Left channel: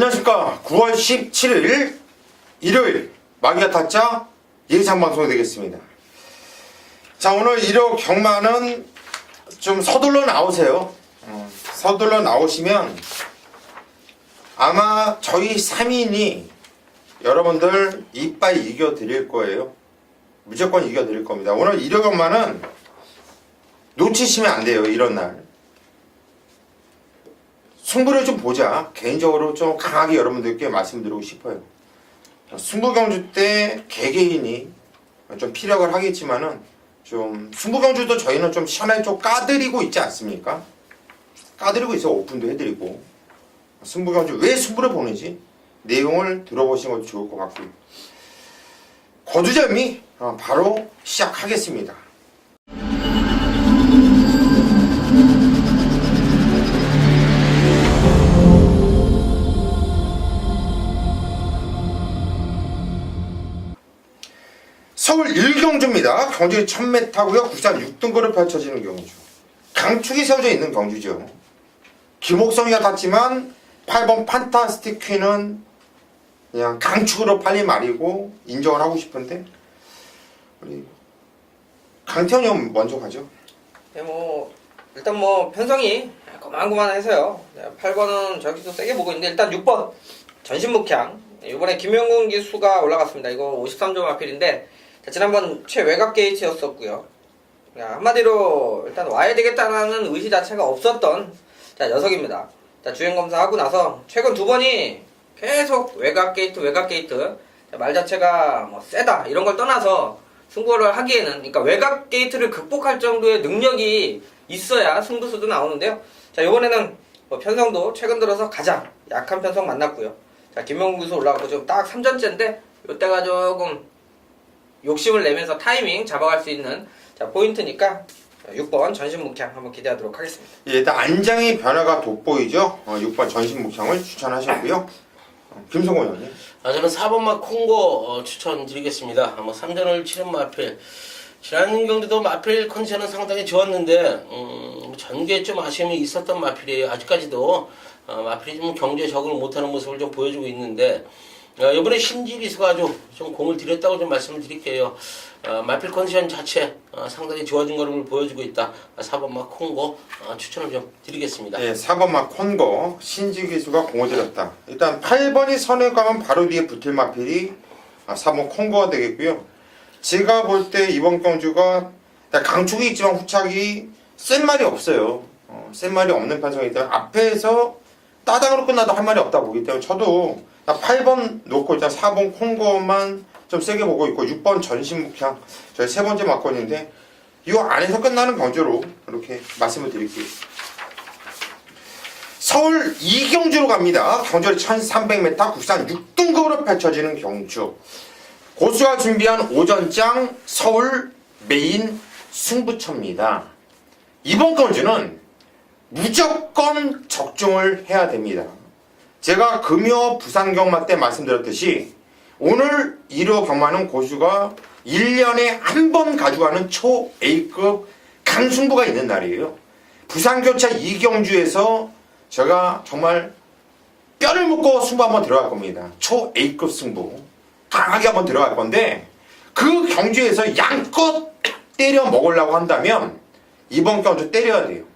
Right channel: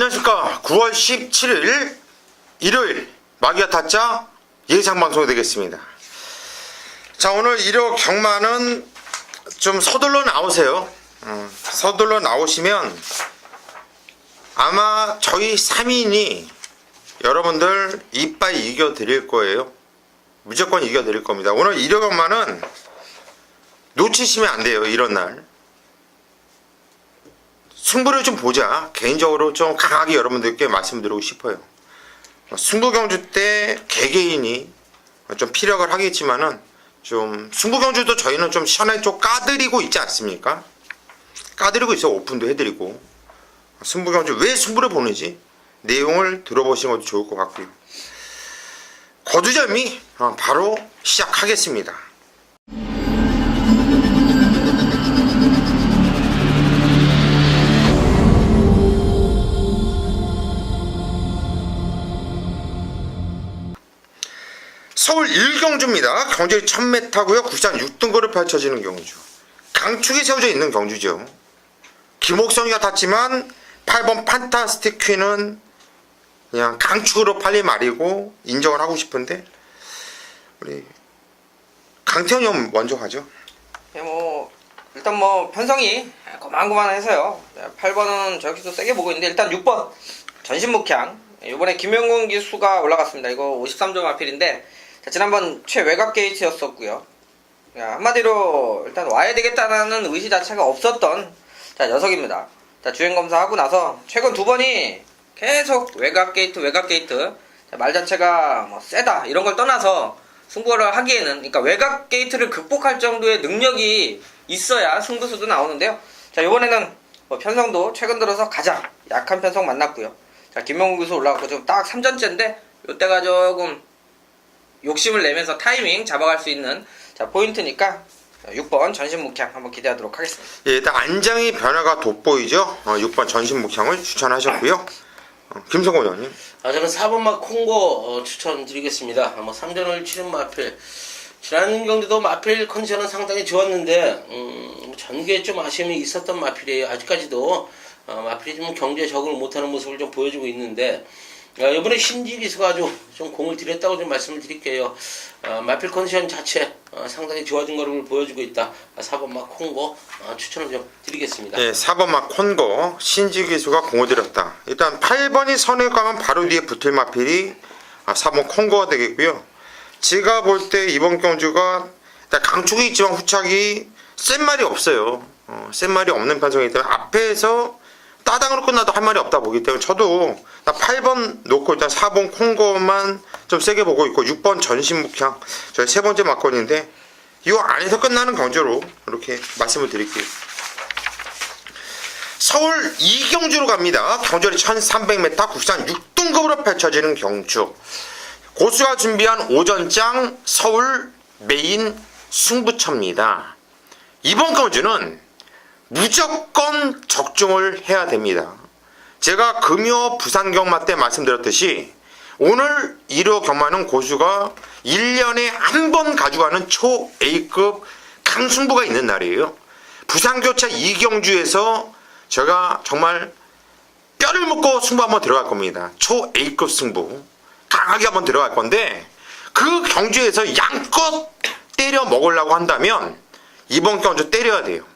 안녕하십니까. 9월 17일 일요일 마기아 타짜 예상방송이 되겠습니다. 자, 오늘 1호 경마는 좀 서둘러 나오세요. 서둘러 나오시면 아마 저희 3인이 여러분들 이빨 이겨 드릴 거예요. 무조건 이겨 드릴 겁니다. 오늘 1호 경마는 놓치시면 안 돼요. 이런 날 승부를 좀 보자. 개인적으로 좀 강하게 여러분들께 말씀드리고 싶어요. 승부경주 때 개개인이 좀 피력을 하겠지만은 좀 승부경주도 저희는 좀 시원하게 좀 까드리고 있지 않습니까? 까드리고 있어. 오픈도 해드리고. 승부경주 왜 승부를 보는지 내용을 들어보시는 것도 좋을 것 같고요. 거두절미 바로 시작하겠습니다. 서울 1경주입니다. 경주이 1000m고요. 부산 6등거를 펼쳐지는 경주. 강축이 세워져 있는 경주죠. 김옥성이가 탔지만 8번 판타스틱 퀸은 그냥 강축으로 팔리 말이고 인정을 하고 싶은데 우리 강태현이 형 먼저 가죠. 네, 일단 편성이 고만고만해서요. 8번은 저기도 세게 보고 있는데 일단 6번 전신목향. 이번에 김용근 기수가 올라갔습니다. 이거 53점 아필인데 지난번 최외곽 게이트였었고요. 한마디로 일단 와야 되겠다는 의지 자체가 없었던 녀석입니다. 주행 검사하고 나서 최근 2번이 계속 외곽 게이트 말 자체가 세다 이런 걸 떠나서 승부를 하기에는, 그러니까 외곽 게이트를 극복할 정도의 능력이 있어야 승부수도 나오는데요. 이번에는 편성도 최근 들어서 가장 약한 편성 만났고요. 김용근 기수 올라갔고 지금 딱 3전째인데 이때가 조금 욕심을 내면서 타이밍 잡아갈 수 있는 포인트니까 6번 전신묵향 한번 기대하도록 하겠습니다. 예, 일단 안장의 변화가 돋보이죠. 6번 전신묵향을 추천하셨고요. 김성곤 의원님. 저는 4번마 콩고 추천드리겠습니다. 3전을 치른 마필. 지난 경기도 마필 컨디션은 상당히 좋았는데 전개에 좀 아쉬움이 있었던 마필이에요. 아직까지도 마필이 좀 경기에 적응을 못하는 모습을 좀 보여주고 있는데 이번에 신지기수가 아주 좀 공을 들였다고 좀 말씀을 드릴게요. 마필 컨디션 자체 상당히 좋아진 걸음을 보여주고 있다. 4번마 콩고 추천을 좀 드리겠습니다. 예, 4번마 콩고 신지기수가 공을 들였다. 일단 8번이 선에 가면 바로 뒤에 붙을 마필이 4번 콩고가 되겠고요. 제가 볼 때 이번 경주가 강축이 있지만 후착이 센 말이 없어요. 센 말이 없는 편성이기 때문에 앞에서 따당으로 끝나도 할 말이 없다 보기 때문에 저도 8번 놓고 일단 4번 콩고만 좀 세게 보고 있고 6번 전신묵향 저희 세 번째 막건인데 이 안에서 끝나는 경주로 이렇게 말씀을 드릴게요. 서울 2경주로 갑니다. 경주이 1300m 국산 6등급으로 펼쳐지는 경주. 고수가 준비한 오전장 서울 메인 승부처입니다. 이번 경주는 무조건 적중을 해야 됩니다. 제가 금요 부산 경마 때 말씀드렸듯이 오늘 1호 경마는 고수가 1년에 한 번 가져가는 초 A급 강승부가 있는 날이에요. 부산교차 2경주에서 제가 정말 뼈를 묻고 승부 한번 들어갈 겁니다. 초 A급 승부 강하게 한번 들어갈 건데 그 경주에서 양껏 때려 먹으려고 한다면 이번 경주 때려야 돼요.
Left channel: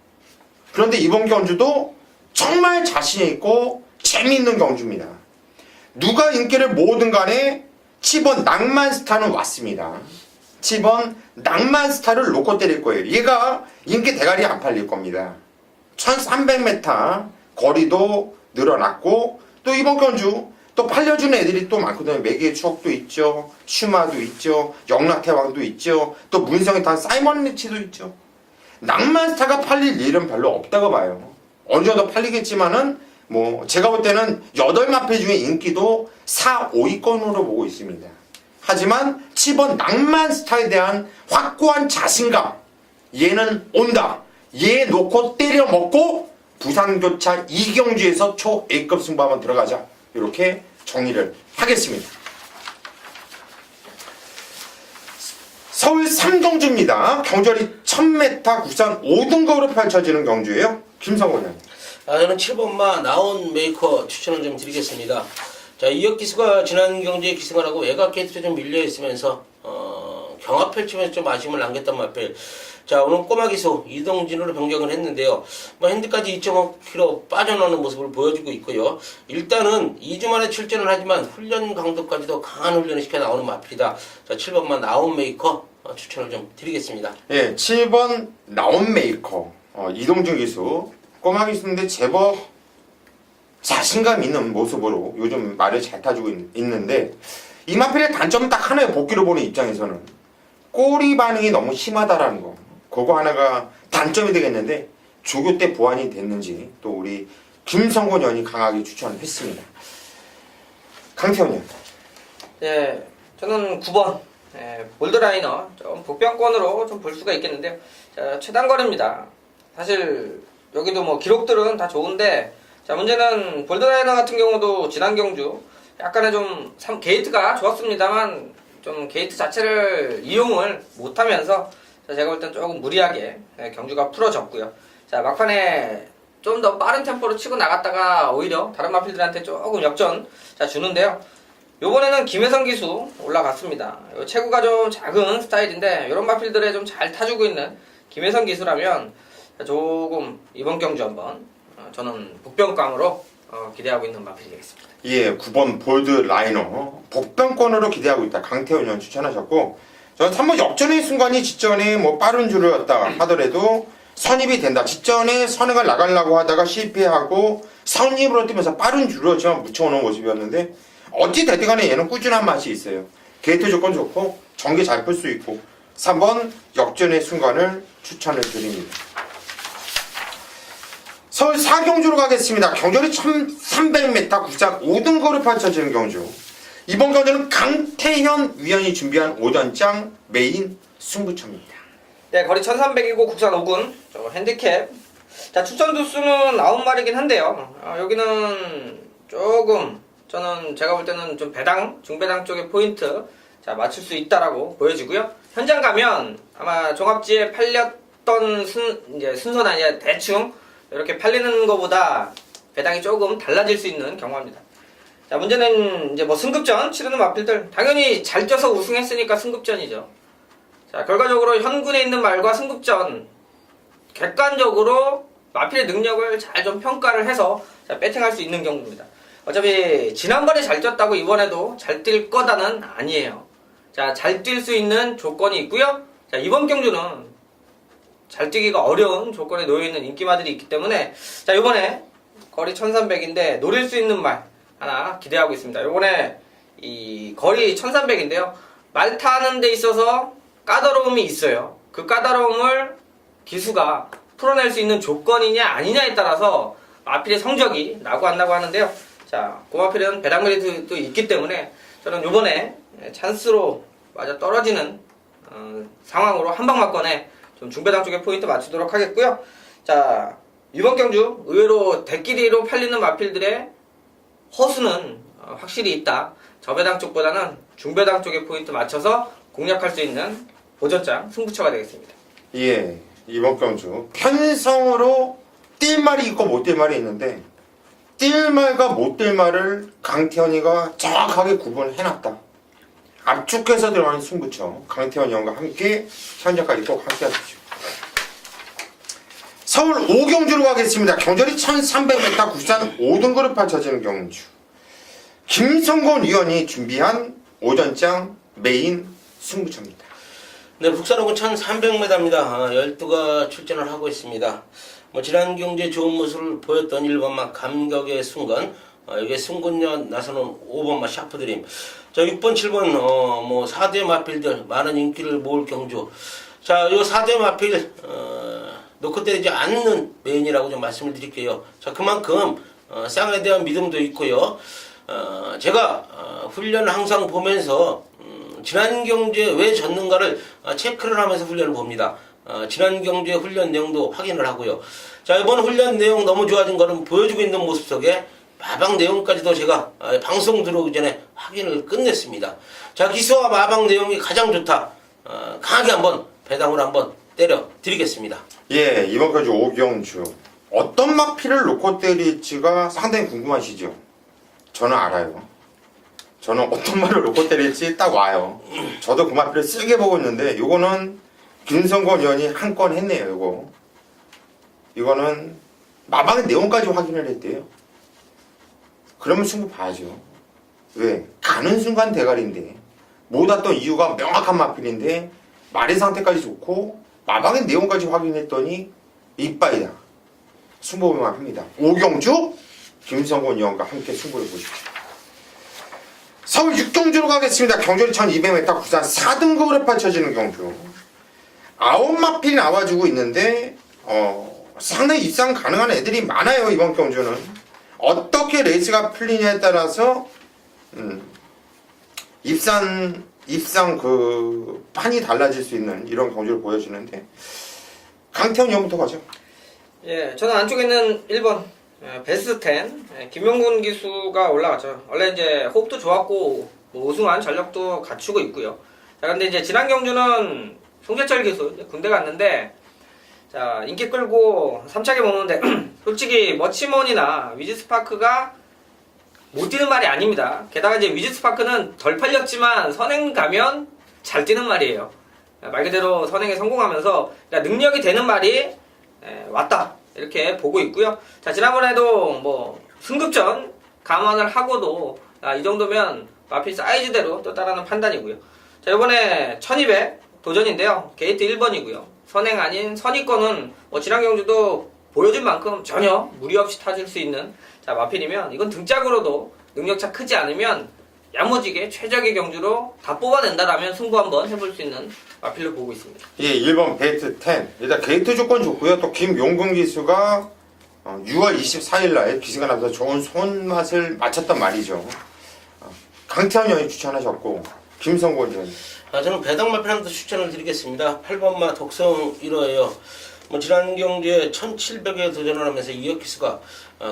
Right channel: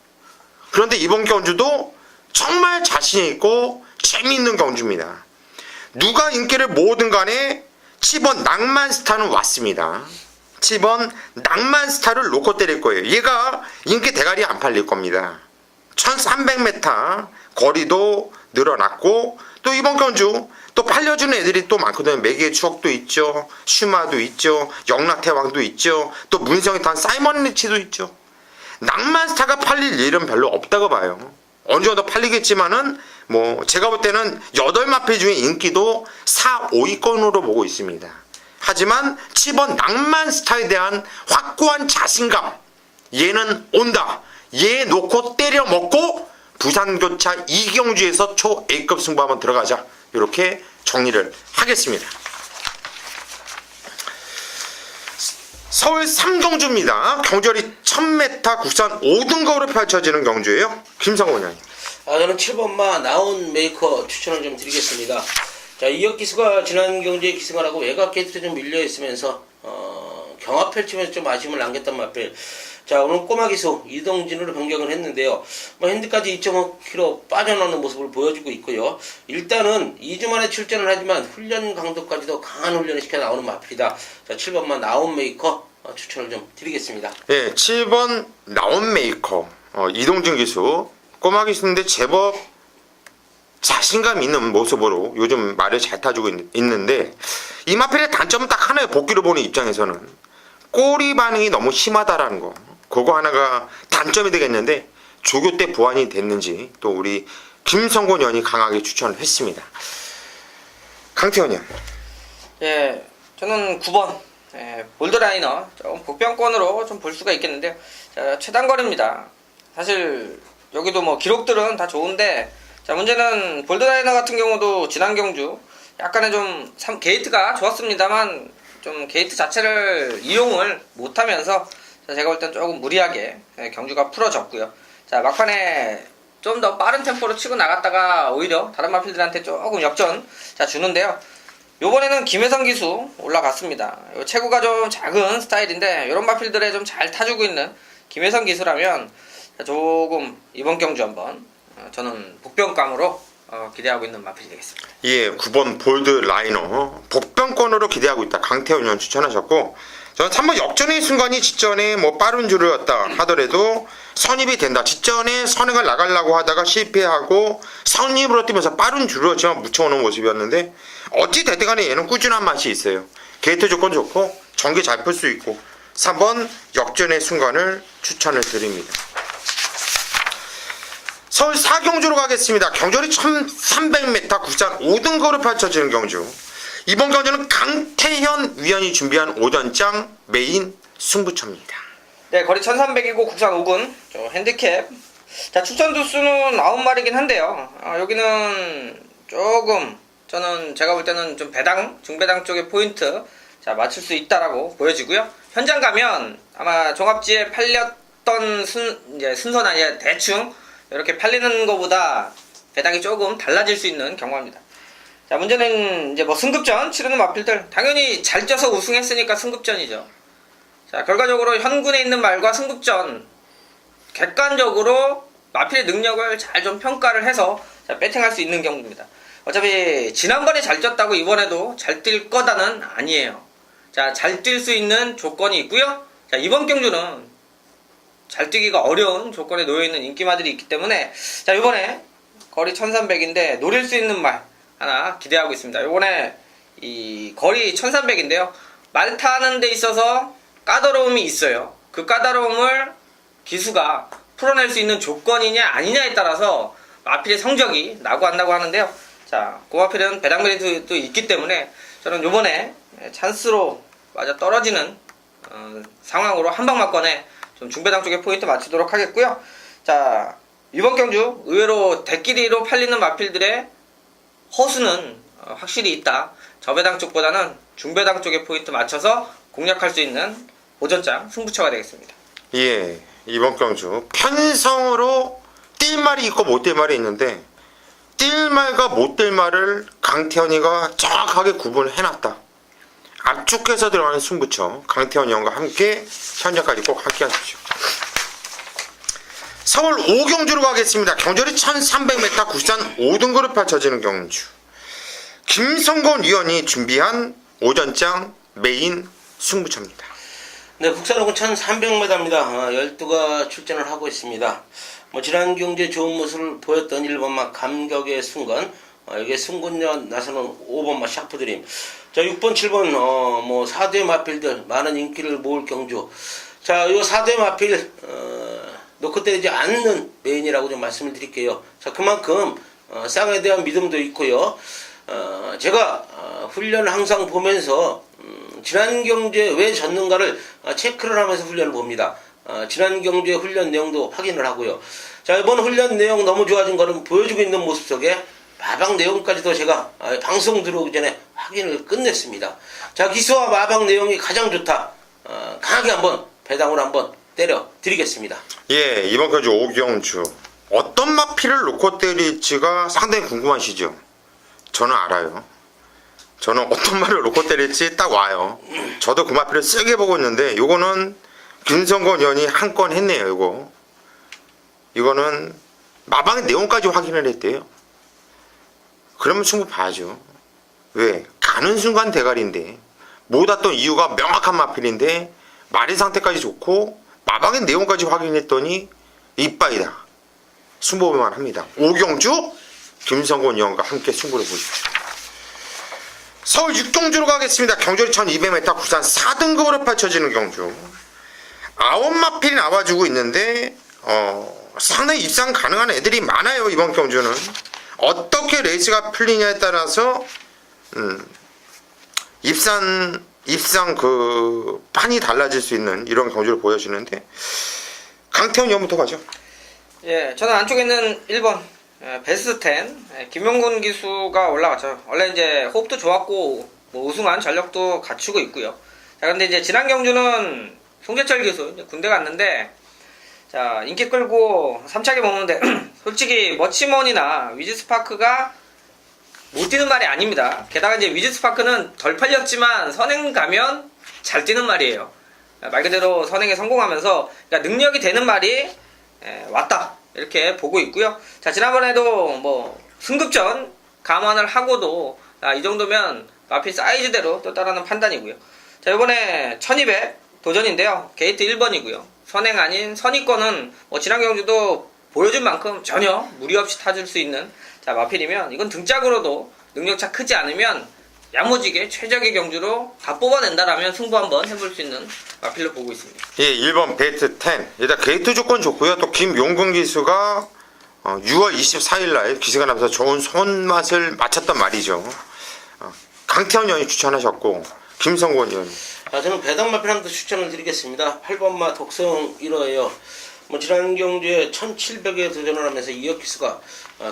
그런데 이번 경주도 정말 자신있고 재미있는 경주입니다. 누가 인기를 모으든 간에 7번 낭만스타는 왔습니다. 7번 낭만스타를 놓고 때릴 거예요. 얘가 인기 대가리 안 팔릴 겁니다. 1300m 거리도 늘어났고 또 이번 경주 또 팔려주는 애들이 또 많거든요. 매개의 추억도 있죠. 슈마도 있죠. 영락태왕도 있죠. 또 문성이 탄 사이먼 리치도 있죠. 낭만스타가 팔릴 일은 별로 없다고 봐요. 어느 정도 팔리겠지만은 제가 볼 때는 8마필 중에 인기도 4, 5위권으로 보고 있습니다. 하지만 7번 낭만스타에 대한 확고한 자신감, 얘는 온다. 얘 놓고 때려 먹고 부산교차 2경주에서 초 A급 승부 한번 들어가자. 이렇게 정리를 하겠습니다. 서울 3경주입니다. 경주이 1000m 국산 5등급으로 펼쳐지는 경주예요. 김성곤 의원님. 저는 7번마 나온 메이커 추천을 좀 드리겠습니다. 자, 이혁 기수가 지난 경기에 기승을 하고 외곽 게이트에 좀 밀려 있으면서 경합 펼치면서 좀 아쉬움을 남겼던 마필. 자, 오늘 꼬마 기수 이동진으로 변경을 했는데요. 뭐 핸드까지 2.5kg 빠져나오는 모습을 보여주고 있고요. 일단은 2주 만에 출전을 하지만 훈련 강도까지도 강한 훈련을 시켜 나오는 마필이다. 자, 7번만 나온 메이커 추천을 좀 드리겠습니다. 예, 7번 나온 메이커 이동진 기수 꼬마 기수인데 제법 자신감 있는 모습으로 요즘 말을 잘 타주고 있는데 이 마필의 단점은 딱 하나예요. 복귀로 보는 입장에서는 꼬리 반응이 너무 심하다라는 거. 그거 하나가 단점이 되겠는데 조교 때 보완이 됐는지 또 우리 김성곤 의원이 강하게 추천을 했습니다. 강태원 의원. 예, 저는 9번 볼드라이너 좀 복병권으로 좀 볼 수가 있겠는데요. 자, 최단거리입니다. 사실 여기도 뭐 기록들은 다 좋은데 자, 문제는 볼드라이너 같은 경우도 지난 경주 약간의 좀 게이트가 좋았습니다만 좀 게이트 자체를 이용을 못하면서 제가 볼 땐 조금 무리하게 경주가 풀어졌고요. 자, 막판에 좀 더 빠른 템포로 치고 나갔다가 오히려 다른 마필들한테 조금 역전 주는데요. 요번에는 김혜성 기수 올라갔습니다. 체구가 좀 작은 스타일인데 이런 마필들에 좀 잘 타주고 있는 김혜성 기수라면 조금 이번 경주 한번 저는 복병감으로 기대하고 있는 마필이 되겠습니다. 예, 9번 볼드 라이너 복병권으로 기대하고 있다. 강태훈 의원 추천하셨고 저는 3번 역전의 순간이 직전에 뭐 빠른 줄이었다 하더라도 선입이 된다. 직전에 선행을 나가려고 하다가 실패하고 선입으로 뛰면서 빠른 줄을 지금 묻혀오는 모습이었는데 어찌 됐든 간에 얘는 꾸준한 맛이 있어요. 게이트 조건 좋고 전개 잘 풀 수 있고 3번 역전의 순간을 추천을 드립니다. 서울 사경주로 가겠습니다. 경주이 1300m 국산 5등급으로 펼쳐지는 경주. 이번 경주는 강태현 위원이 준비한 오전장 메인 승부처입니다. 네, 거리 1300이고 국산 5군 핸디캡. 자, 추천 두수는 9마리긴 한데요. 여기는 조금 저는 제가 볼 때는 좀 배당, 중배당 쪽의 포인트 맞출 수 있다라고 보여지고요. 현장 가면 아마 종합지에 팔렸던 순서나 이제 대충 이렇게 팔리는 것보다 배당이 조금 달라질 수 있는 경우입니다. 자, 문제는 이제 뭐 승급전 치르는 마필들 당연히 잘 쪄서 우승했으니까 승급전이죠. 자, 결과적으로 현군에 있는 말과 승급전 객관적으로 마필의 능력을 잘 좀 평가를 해서 배팅할 수 있는 경우입니다. 어차피 지난번에 잘 쪘다고 이번에도 잘 뛸 거다는 아니에요. 자, 잘 뛸 수 있는 조건이 있고요. 자, 이번 경주는 잘 뛰기가 어려운 조건에 놓여있는 인기마들이 있기 때문에 자, 이번에 거리 1300인데 노릴 수 있는 말 하나 기대하고 있습니다. 이번에 이 거리 1300인데요. 말 타는 데 있어서 까다로움이 있어요. 그 까다로움을 기수가 풀어낼 수 있는 조건이냐 아니냐에 따라서 마필의 성적이 나고 안 나고 하는데요. 자, 그 마필은 배당거리도 있기 때문에 저는 이번에 찬스로 맞아 떨어지는 상황으로 한방막건에 좀 중배당 쪽에 포인트 맞추도록 하겠고요. 자, 이번 경주 의외로 대끼리로 팔리는 마필들의 허수는 확실히 있다. 저배당 쪽보다는 중배당 쪽에 포인트 맞춰서 공략할 수 있는 오전장 승부처가 되겠습니다. 예, 이번 경주 편성으로 뛸 말이 있고 못 뛸 말이 있는데 뛸 말과 못 뛸 말을 강태현이가 정확하게 구분을 해놨다. 압축해서 들어가는 승부처 강태현 의원과 함께 현장까지 꼭 함께 하십시오. 서울 5경주로 가겠습니다. 경절이 1300m 국산 5등급으로 펼쳐지는 경주. 김성곤 위원이 준비한 오전장 메인 승부처입니다. 네, 국산 5군 1300m입니다. 12가 출전을 하고 있습니다. 지난 경기에 좋은 모습을 보였던 1번마 감격의 순간, 이게 승군년 나서는 5번마 샤프드림. 자, 6번, 7번, 4대 마필들 많은 인기를 모을 경주. 자, 이 4대 마필, 놓고 때리지 않는 메인이라고 좀 말씀을 드릴게요. 자, 그만큼, 쌍에 대한 믿음도 있고요. 제가, 훈련을 항상 보면서, 지난 경주에 왜 졌는가를 체크를 하면서 훈련을 봅니다. 지난 경주의 훈련 내용도 확인을 하고요. 자, 이번 훈련 내용 너무 좋아진 거는 보여주고 있는 모습 속에 마방 내용까지도 제가 방송 들어오기 전에 확인을 끝냈습니다. 자, 기수와 마방 내용이 가장 좋다. 강하게 한번 배당으로 한번 때려 드리겠습니다. 예, 이번 경주 5경주 어떤 마필을 놓고 때릴지가 상당히 궁금하시죠? 저는 알아요. 저는 어떤 말을 놓고 때릴지 딱 와요. 저도 그 마필을 세게 보고 있는데 요거는 김성곤 의원이 한 건 했네요. 이거는 마방의 내용까지 확인을 했대요. 그러면 충분히 봐야죠. 왜? 가는 순간 대가리인데 못 왔던 이유가 명확한 마필인데 말의 상태까지 좋고 마방의 내용까지 확인했더니 이빠이다. 승부만 합니다. 오경주, 김성곤 의원과 함께 승부를 보십시오. 서울 6경주로 가겠습니다. 경주리 1200m 구산 4등급으로 펼쳐지는 경주. 9마필이 나와주고 있는데 상당히 입상 가능한 애들이 많아요. 이번 경주는. 어떻게 레이스가 풀리냐에 따라서 입상 그 판이 달라질 수 있는 이런 경주를 보여주는데 강태현 의원부터 가죠. 예, 저는 안쪽에 있는 1번 베스트 10 김용곤 기수가 올라갔죠. 원래 이제 호흡도 좋았고 뭐 우승한 전력도 갖추고 있고요. 자, 근데 이제 지난 경주는 송재철 기수 이제 군대 갔는데 자 인기 끌고 3차게 먹는데 솔직히 머치먼이나 위즈스파크가 못 뛰는 말이 아닙니다. 게다가 이제 위즈스파크는 덜 팔렸지만 선행 가면 잘 뛰는 말이에요. 말 그대로 선행에 성공하면서 그러니까 능력이 되는 말이 왔다 이렇게 보고 있고요. 자 지난번에도 뭐 승급전 감안을 하고도 이 정도면 마필 사이즈대로 또 따라하는 판단이고요. 자 이번에 1200 도전인데요. 게이트 1번이고요. 선행 아닌 선의권은 뭐 지난 경주도 보여준 만큼 전혀 무리 없이 타줄 수 있는 자 마필이면 이건 등짝으로도 능력차 크지 않으면 야무지게 최적의 경주로 다 뽑아낸다라면 승부 한번 해볼 수 있는 마필로 보고 있습니다. 예, 1번 베이트 10. 일단 게이트 조건 좋고요. 또 김용근 기수가 6월 24일 날 기세가 나면서 좋은 손맛을 맞췄단 말이죠. 강태현 의원이 추천하셨고 김성곤 의원. 저는 배당 마필 한번 추천을 드리겠습니다. 8번마 독성 1호예요. 뭐 지난 경주에 1700에 도전을 하면서 이혁 기수가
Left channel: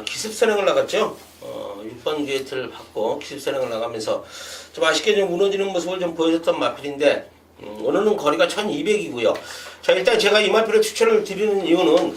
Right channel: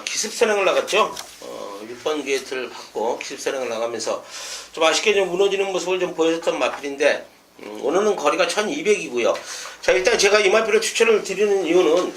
기습 선행을 나갔죠. 6번 게이트를 받고 기습 선행을 나가면서 좀 아쉽게 좀 무너지는 모습을 좀 보여줬던 마필인데 오늘은 거리가 1200이고요. 자 일단 제가 이 마필을 추천을 드리는 이유는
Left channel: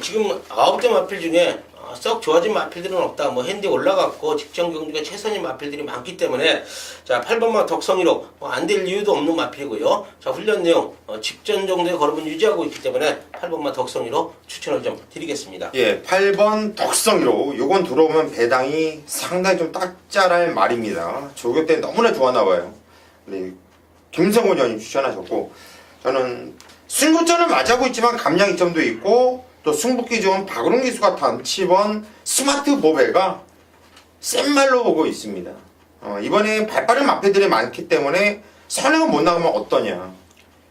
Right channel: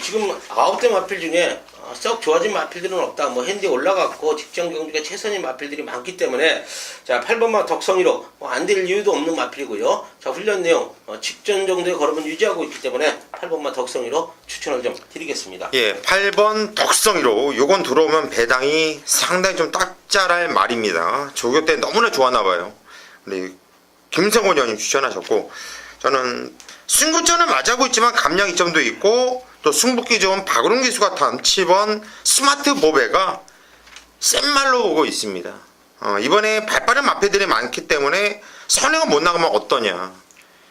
지금 9대 마필 중에 썩 좋아진 마필들은 없다. 뭐 핸디 올라갔고 직전 경주가 최선인 마필들이 많기 때문에 자 8번마 덕성이로 안 될 이유도 없는 마필이고요. 자 훈련 내용 직전 정도의 걸음을 유지하고 있기 때문에 8번마 덕성이로 추천을 좀 드리겠습니다. 예, 8번 덕성이로 요건 들어오면 배당이 상당히 좀 딱잘할 말입니다. 조교 때 너무나 좋았나 봐요. 근데 김성곤 의원님 추천하셨고 저는 승부전을 맞아고 있지만 감량 이점도 있고 또 승부기 좋은 박은홍 기수가 탄 7번 스마트 보배가 센 말로 오고 있습니다. 이번에 발빠른 마패들이 많기 때문에 선행을 못 나가면 어떠냐.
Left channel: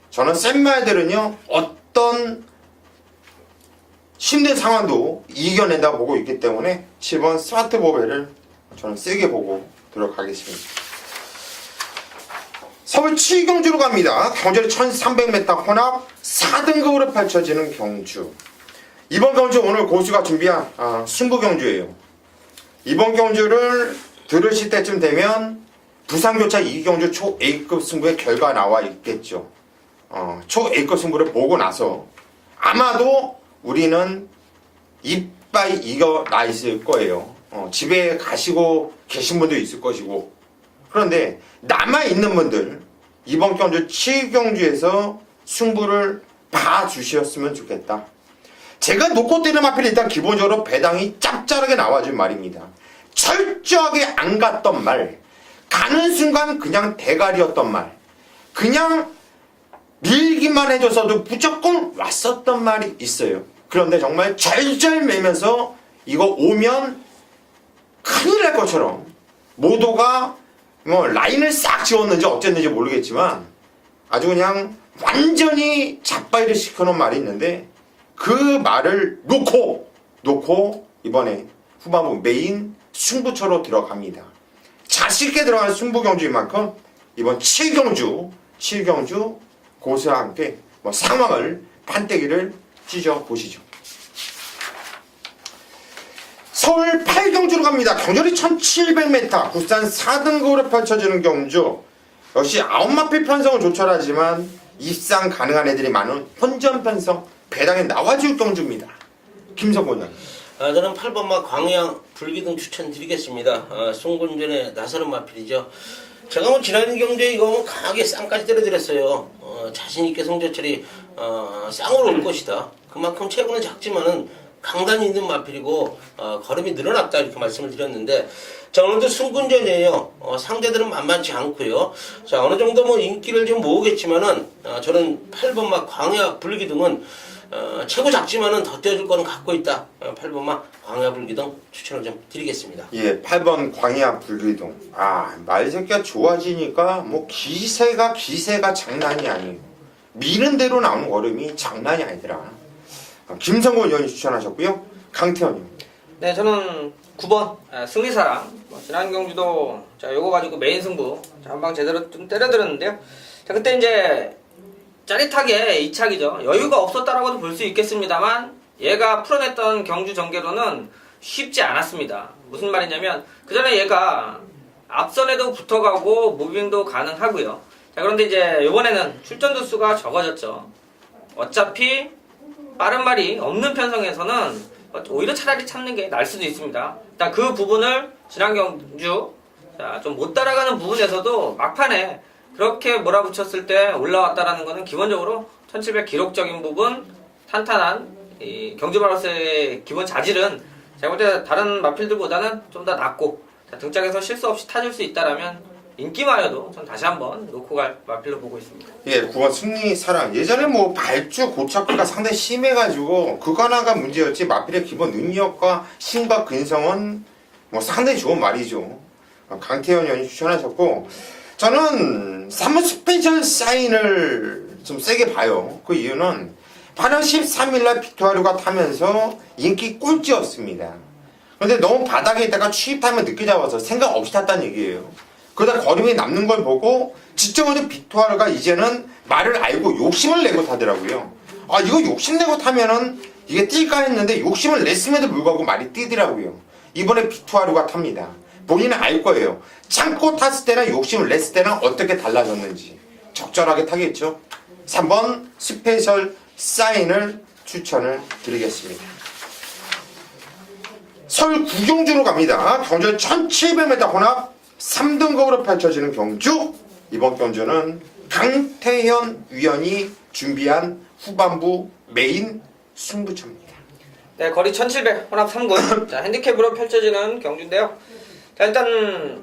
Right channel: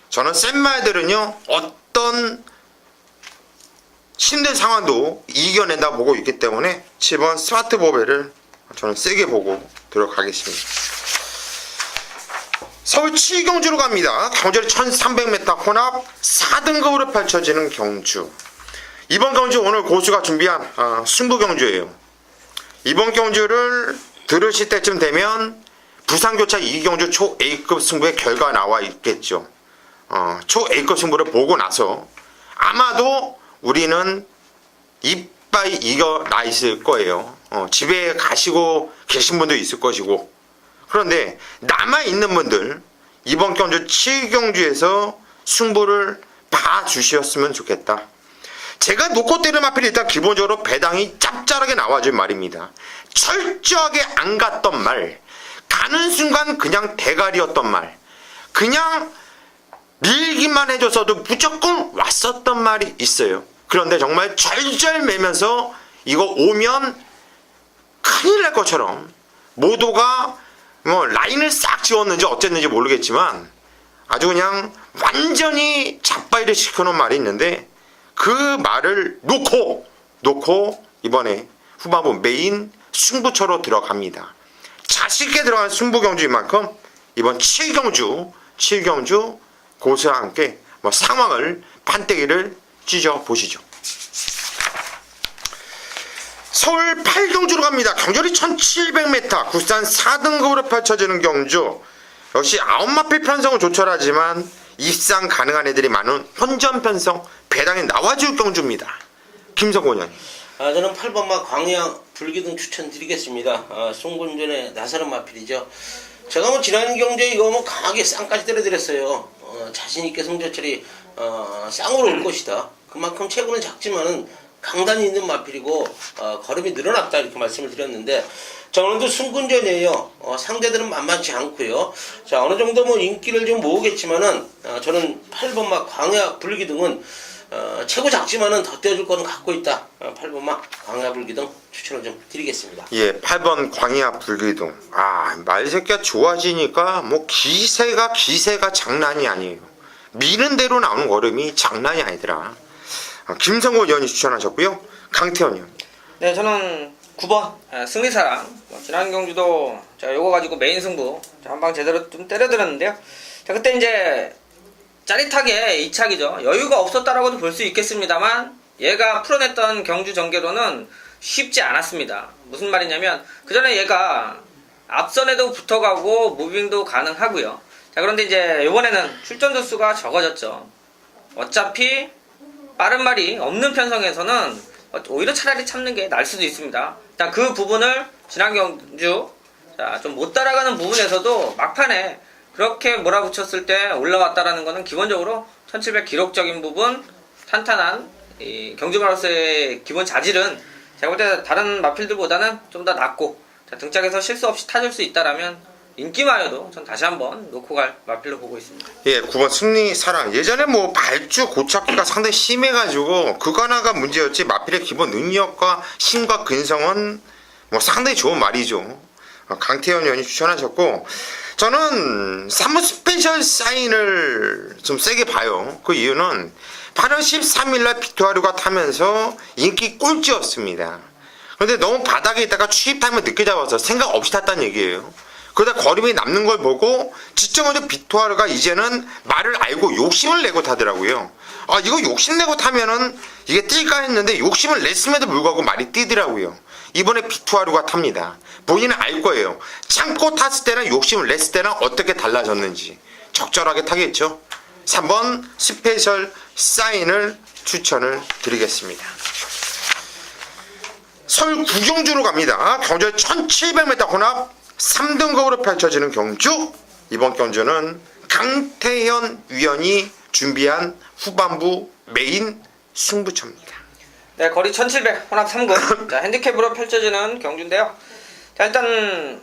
저는 센 말들은요 어떤 힘든 상황도 이겨낸다고 보고 있기 때문에 7번 스마트 보배를 저는 세게 보고 들어가겠습니다. 서울 7경주로 갑니다. 경주리 1300m 혼합 4등급으로 펼쳐지는 경주. 이번 경주 오늘 고수가 준비한 승부 경주예요. 이번 경주를 들으실 때쯤 되면 부산교차 2경주 초 A급 승부의 결과가 나와 있겠죠. 초 A급 승부를 보고 나서 아마도 우리는 이빠이 이겨 나 있을 거예요. 집에 가시고 계신 분도 있을 것이고. 그런데 남아있는 분들 이번 경주 7경주에서 승부를 봐주셨으면 좋겠다. 제가 놓고 때리는 마필이 일단 기본적으로 배당이 짭짤하게 나와줄 말입니다. 철저하게 안 갔던 말, 가는 순간 그냥 대가리였던 말, 그냥 밀기만 해줬어도 무조건 왔었던 말이 있어요. 그런데 정말 절절매면서 이거 오면 큰일 날 것처럼 모두가 뭐 라인을 싹 지웠는지 어쨌는지 모르겠지만 아주 그냥 완전히 잡바이를 시켜놓은 말이 있는데 그 말을 놓고 이번에 후반부 메인 승부처로 들어갑니다. 자신있게 들어간 승부경주인 만큼 이번 7경주 고수와 함께 상황을 판때기를 찢어보시죠. 서울 8경주로 갑니다. 경주리 1700m 구산 4등급으로 펼쳐지는 경주. 역시 9마필 편성은 조촐하지만 입상 가능한 애들이 많은 혼전 편성 배당에 나와줄 경주입니다. 김성곤 의원님. 저는 8번마 광야 불기둥 추천드리겠습니다. 송군전에 나서는 마필이죠. 제가 뭐 지난 경주에 이거 뭐 강하게 쌍까지 때려드렸어요. 자신있게 성적철이 쌍으로 올 것이다. 그만큼 체구는 작지만은 강단이 있는 마필이고 걸음이 늘어났다 이렇게 말씀을 드렸는데 자 오늘도 승군전이에요. 상대들은 만만치 않고요. 자 어느 정도 뭐 인기를 좀 모으겠지만은 저는 8번마 광야 불기둥은 최고 작지만은 더 떼어줄 거는 갖고 있다. 8번마 광야 불기둥 추천을 좀 드리겠습니다. 예, 8번 광야 불기둥. 말새끼가 좋아지니까 뭐 기세가 장난이 아니에요. 미는 대로 나오는 걸음이 장난이 아니더라. 김성곤 의원이 추천하셨고요. 강태현 의원. 네, 저는 9번 승리사랑. 지난 경주도 제가 요거 가지고 메인 승부 한 방 제대로 좀 때려드렸는데요. 자, 그때 이제 짜릿하게 이착이죠. 여유가 없었다라고도 볼 수 있겠습니다만 얘가 풀어냈던 경주 전개로는 쉽지 않았습니다. 무슨 말이냐면 그 전에 얘가 앞선에도 붙어가고 무빙도 가능하고요. 자, 그런데 이제 이번에는 출전 두수가 적어졌죠. 어차피 빠른 말이 없는 편성에서는 오히려 차라리 참는 게 나을 수도 있습니다. 자, 그 부분을 지난 경주 좀 못 따라가는 부분에서도 막판에 그렇게 몰아붙였을 때 올라왔다라는 것은 기본적으로 1700 기록적인 부분 탄탄한 이 경주마라스의 기본 자질은 제가 볼 때 다른 마필들보다는 좀 더 낫고 등짝에서 실수 없이 타줄 수 있다라면 인기마여도 전 다시 한번 놓고 갈 마필로 보고 있습니다. 예, 9번 승리사랑. 예전에 뭐 발주 고착기가 상당히 심해가지고 그거 하나가 문제였지 마필의 기본 능력과 힘과 근성은 뭐 상당히 좋은 말이죠. 강태현 의원이 추천하셨고 저는 3번 스페셜 사인을 좀 세게 봐요. 그 이유는 8월 13일날 비토하루가 타면서 인기 꼴찌였습니다. 그런데 너무 바닥에 있다가 추입타임을 늦게 잡아서 생각 없이 탔다는 얘기예요. 그러다 걸음이 남는 걸 보고 지점으로 비토하루가 이제는 말을 알고 욕심을 내고 타더라고요. 이거 욕심내고 타면은 이게 뛸까 했는데 욕심을 냈음에도 불구하고 말이 뛰더라고요. 이번에 비토하루가 탑니다. 본인은 알 거예요. 참고 탔을 때나 욕심을 냈을 때는 어떻게 달라졌는지. 적절하게 타겠죠. 3번 스페셜 사인을 추천을 드리겠습니다. 서울 구경주로 갑니다. 경주 1700m 혼합 3등급으로 펼쳐지는 경주. 이번 경주는 강태현 위원이 준비한 후반부 메인 승부처입니다. 네, 거리 1700 혼합 3급 자, 핸디캡으로 펼쳐지는 경주인데요. 자, 일단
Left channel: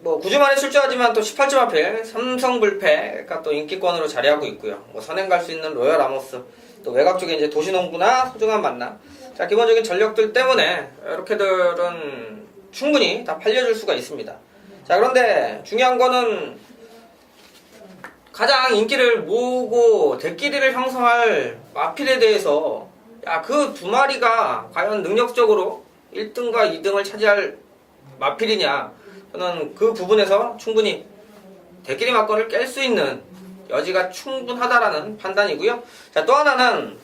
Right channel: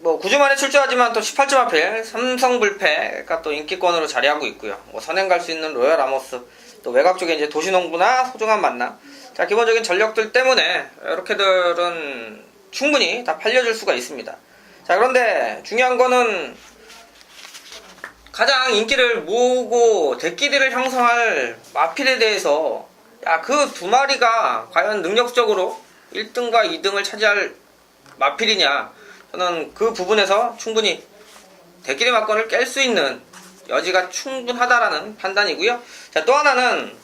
뭐 9주 만에 출조하지만 또 18점 앞에 삼성불패가 또 인기권으로 자리하고 있고요. 뭐 선행 갈 수 있는 로얄 아모스, 또 외곽 쪽에 이제 도시농부나 소중한 만남. 자, 기본적인 전력들 때문에 이렇게들은 충분히 다 팔려줄 수가 있습니다. 자, 그런데 중요한 거는 가장 인기를 모으고 대끼리를 형성할 마필에 대해서 그 두 마리가 과연 능력적으로 1등과 2등을 차지할 마필이냐, 저는 그 부분에서 충분히 대끼리 막건을 깰 수 있는 여지가 충분하다라는 판단이고요. 자, 또 하나는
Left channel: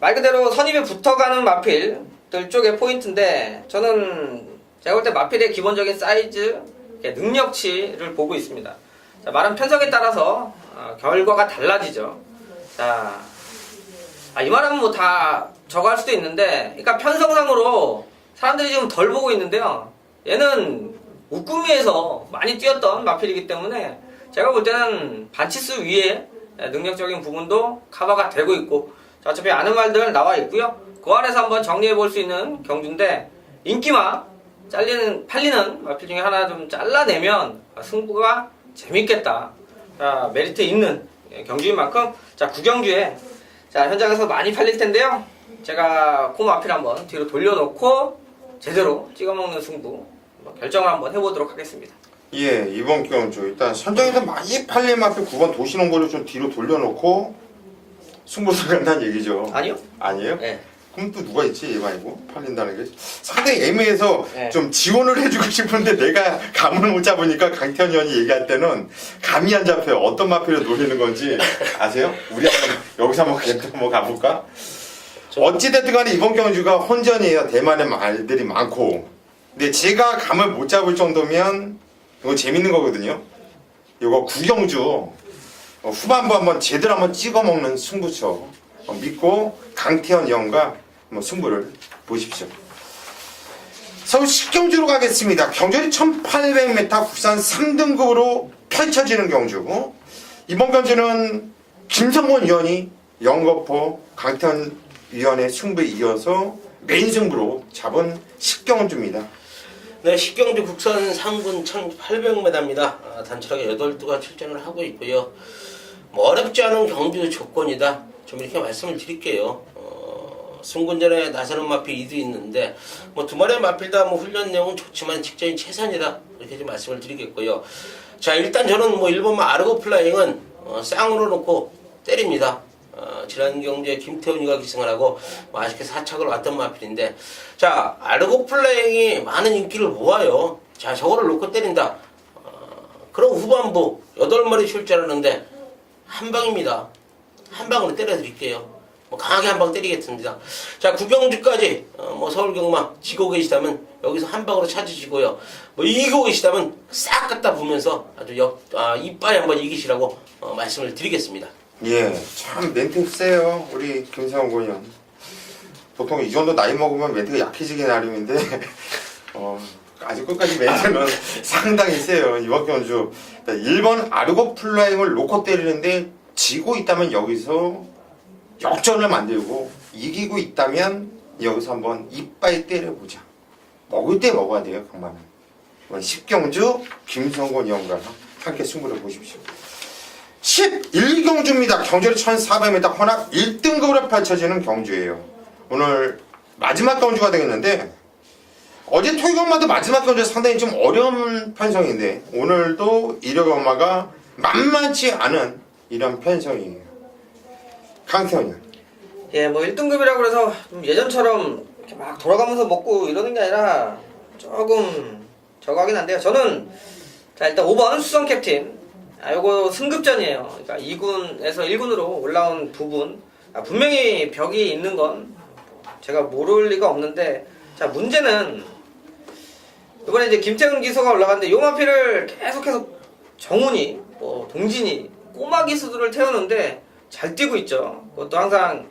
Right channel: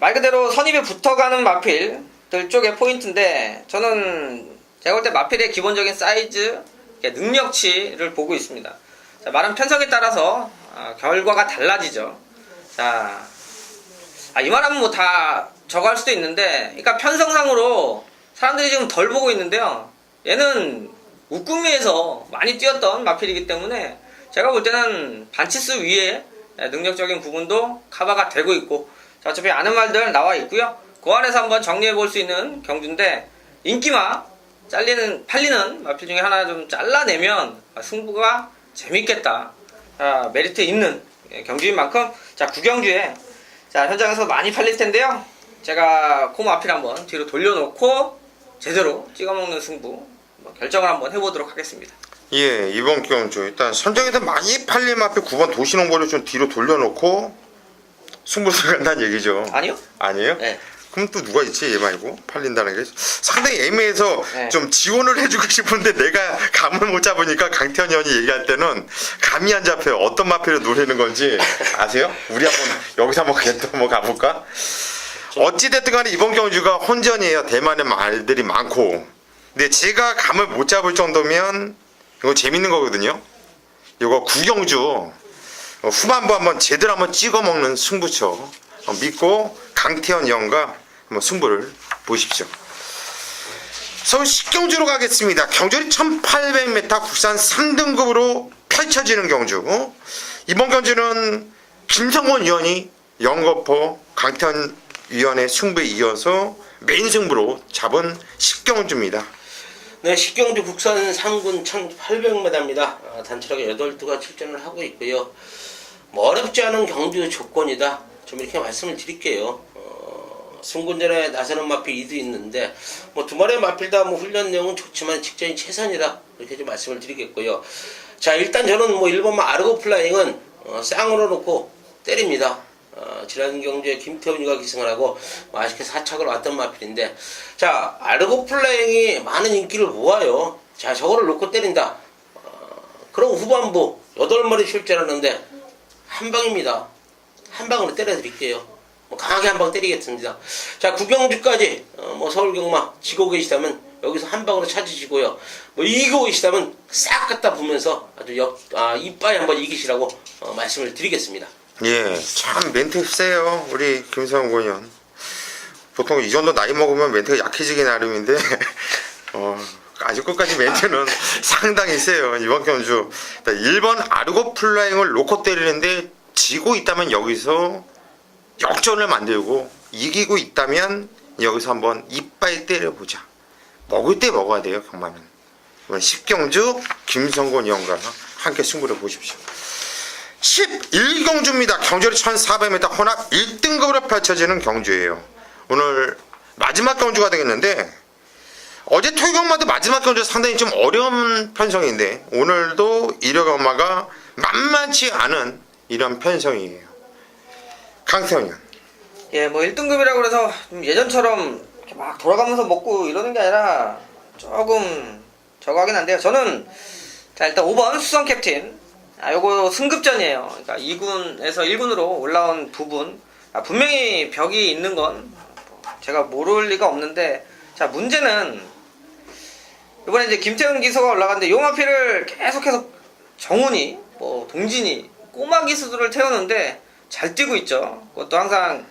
말 그대로 선입에 붙어가는 마필들 쪽의 포인트인데 저는 제가 볼 때 마필의 기본적인 사이즈, 능력치를 보고 있습니다. 자, 말은 편성에 따라서 결과가 달라지죠. 자, 이 말하면 뭐 다 저거 할 수도 있는데, 그러니까 편성상으로 사람들이 지금 덜 보고 있는데요. 얘는 우꾸미에서 많이 뛰었던 마필이기 때문에 제가 볼 때는 반치수 위에 능력적인 부분도 커버가 되고 있고, 자, 어차피 아는 말들 나와 있고요. 그 안에서 한번 정리해 볼 수 있는 경주인데, 인기마 팔리는 마필 중에 하나 좀 잘라내면 승부가 재밌겠다. 자, 메리트 있는 경주인 만큼 자, 구경주에 자, 현장에서 많이 팔릴 텐데요. 제가 그 마필 한번 뒤로 돌려놓고 제대로 찍어먹는 승부 결정을 한번 해보도록 하겠습니다. 예, 이번 경주 일단 선정에서 많이 팔린 마필 9번 도시농구를 좀 뒤로 돌려놓고 승부를 간다는 얘기죠. 아니요? 아니에요? 네. 그럼 또 누가 있지? 얘 말고 팔린다는 게 상당히 애매해서 네. 좀 지원을 해주고 싶은데 내가 감을 못 잡으니까 강태현 의원이 얘기할 때는 감이 안 잡혀요. 어떤 마필을 노리는 건지 아세요? 우리 한번 여기서 한번 가볼까? 어찌됐든 간에 이번 경주가 혼전이에요. 대만의 말들이 많고, 근데 제가 감을 못 잡을 정도면 이거 재밌는 거거든요. 이거 구경주 후반부 한번 제대로 한번 찍어먹는 승부처 믿고 강태현 의원과 뭐 승부를 보십시오. 서울 10경주로 가겠습니다. 경주는 1800m 국산 3등급으로 펼쳐지는 경주. 이번 경주는 김성곤 위원이 영거포 강태현 위원의 승부에 이어서 메인 승부로 잡은 10경주입니다. 네, 10경주 국산 상군 1800m입니다. 단체하게 8두가 출전을 하고 있고요. 뭐 어렵지 않은 경주 조건이다. 좀 이렇게 말씀을 드릴게요. 승군전에 나서는 마필 2도 있는데 뭐 두 마리의 마필 다 뭐 훈련 내용은 좋지만 직전이 최선이다. 이렇게 좀 말씀을 드리겠고요. 자, 일단 저는 뭐 1번마 아르고 플라잉은 쌍으로 놓고 때립니다. 지난 경주에 김태훈이가 기승을 하고 뭐 아쉽게 4착을 왔던 마필인데, 자, 아르고 플라잉이 많은 인기를 모아요. 자, 저거를 놓고 때린다. 그럼 후반부 8마리 출전하는데 한 방입니다. 한 방으로 때려드릴게요. 뭐 강하게 한 방 때리겠습니다. 자, 구경주까지 뭐 서울경마 지고 계시다면 여기서 한 방으로 찾으시고요. 뭐 이기고 계시다면 싹 갖다 보면서 아주 이빠이 한번 이기시라고 말씀을 드리겠습니다. 예, 참 멘트 세요 우리 김성곤 의원. 보통 이 정도 나이 먹으면 멘트가 약해지기 나름인데 아주 끝까지 멘트는 상당히 세요. 이번 경주 1번 아르고 플라잉을 놓고 때리는데 지고 있다면 여기서 역전을 만들고 이기고 있다면 여기서 한번 이빨 때려보자. 먹을 때 먹어야 돼요. 경마는. 이번 10경주 김성곤 위원과 함께 승부를 보십시오. 11경주입니다. 경주는 1400m 혼합 1등급으로 펼쳐지는 경주예요. 오늘 마지막 경주가 되겠는데 어제 토요경마도 마지막 경주 상당히 좀 어려운 편성인데 오늘도 일요경마가 만만치 않은 이런 편성이에요. 강태현 의원. 예, 뭐 1등급이라고 해서 좀 예전처럼 이렇게 막 돌아가면서 먹고 이러는 게 아니라 조금 저거 하긴 한데요. 저는 자, 일단 5번 수성 캡틴. 요거 승급전이에요. 그러니까 2군에서 1군으로 올라온 부분. 분명히 벽이 있는 건 제가 모를 리가 없는데, 자, 문제는 이번에 이제 김태훈 기수가 올라갔는데 요 마피를 계속해서 정훈이, 뭐 동진이, 꼬마 기수들을 태우는데 잘 뛰고 있죠. 그것도 항상,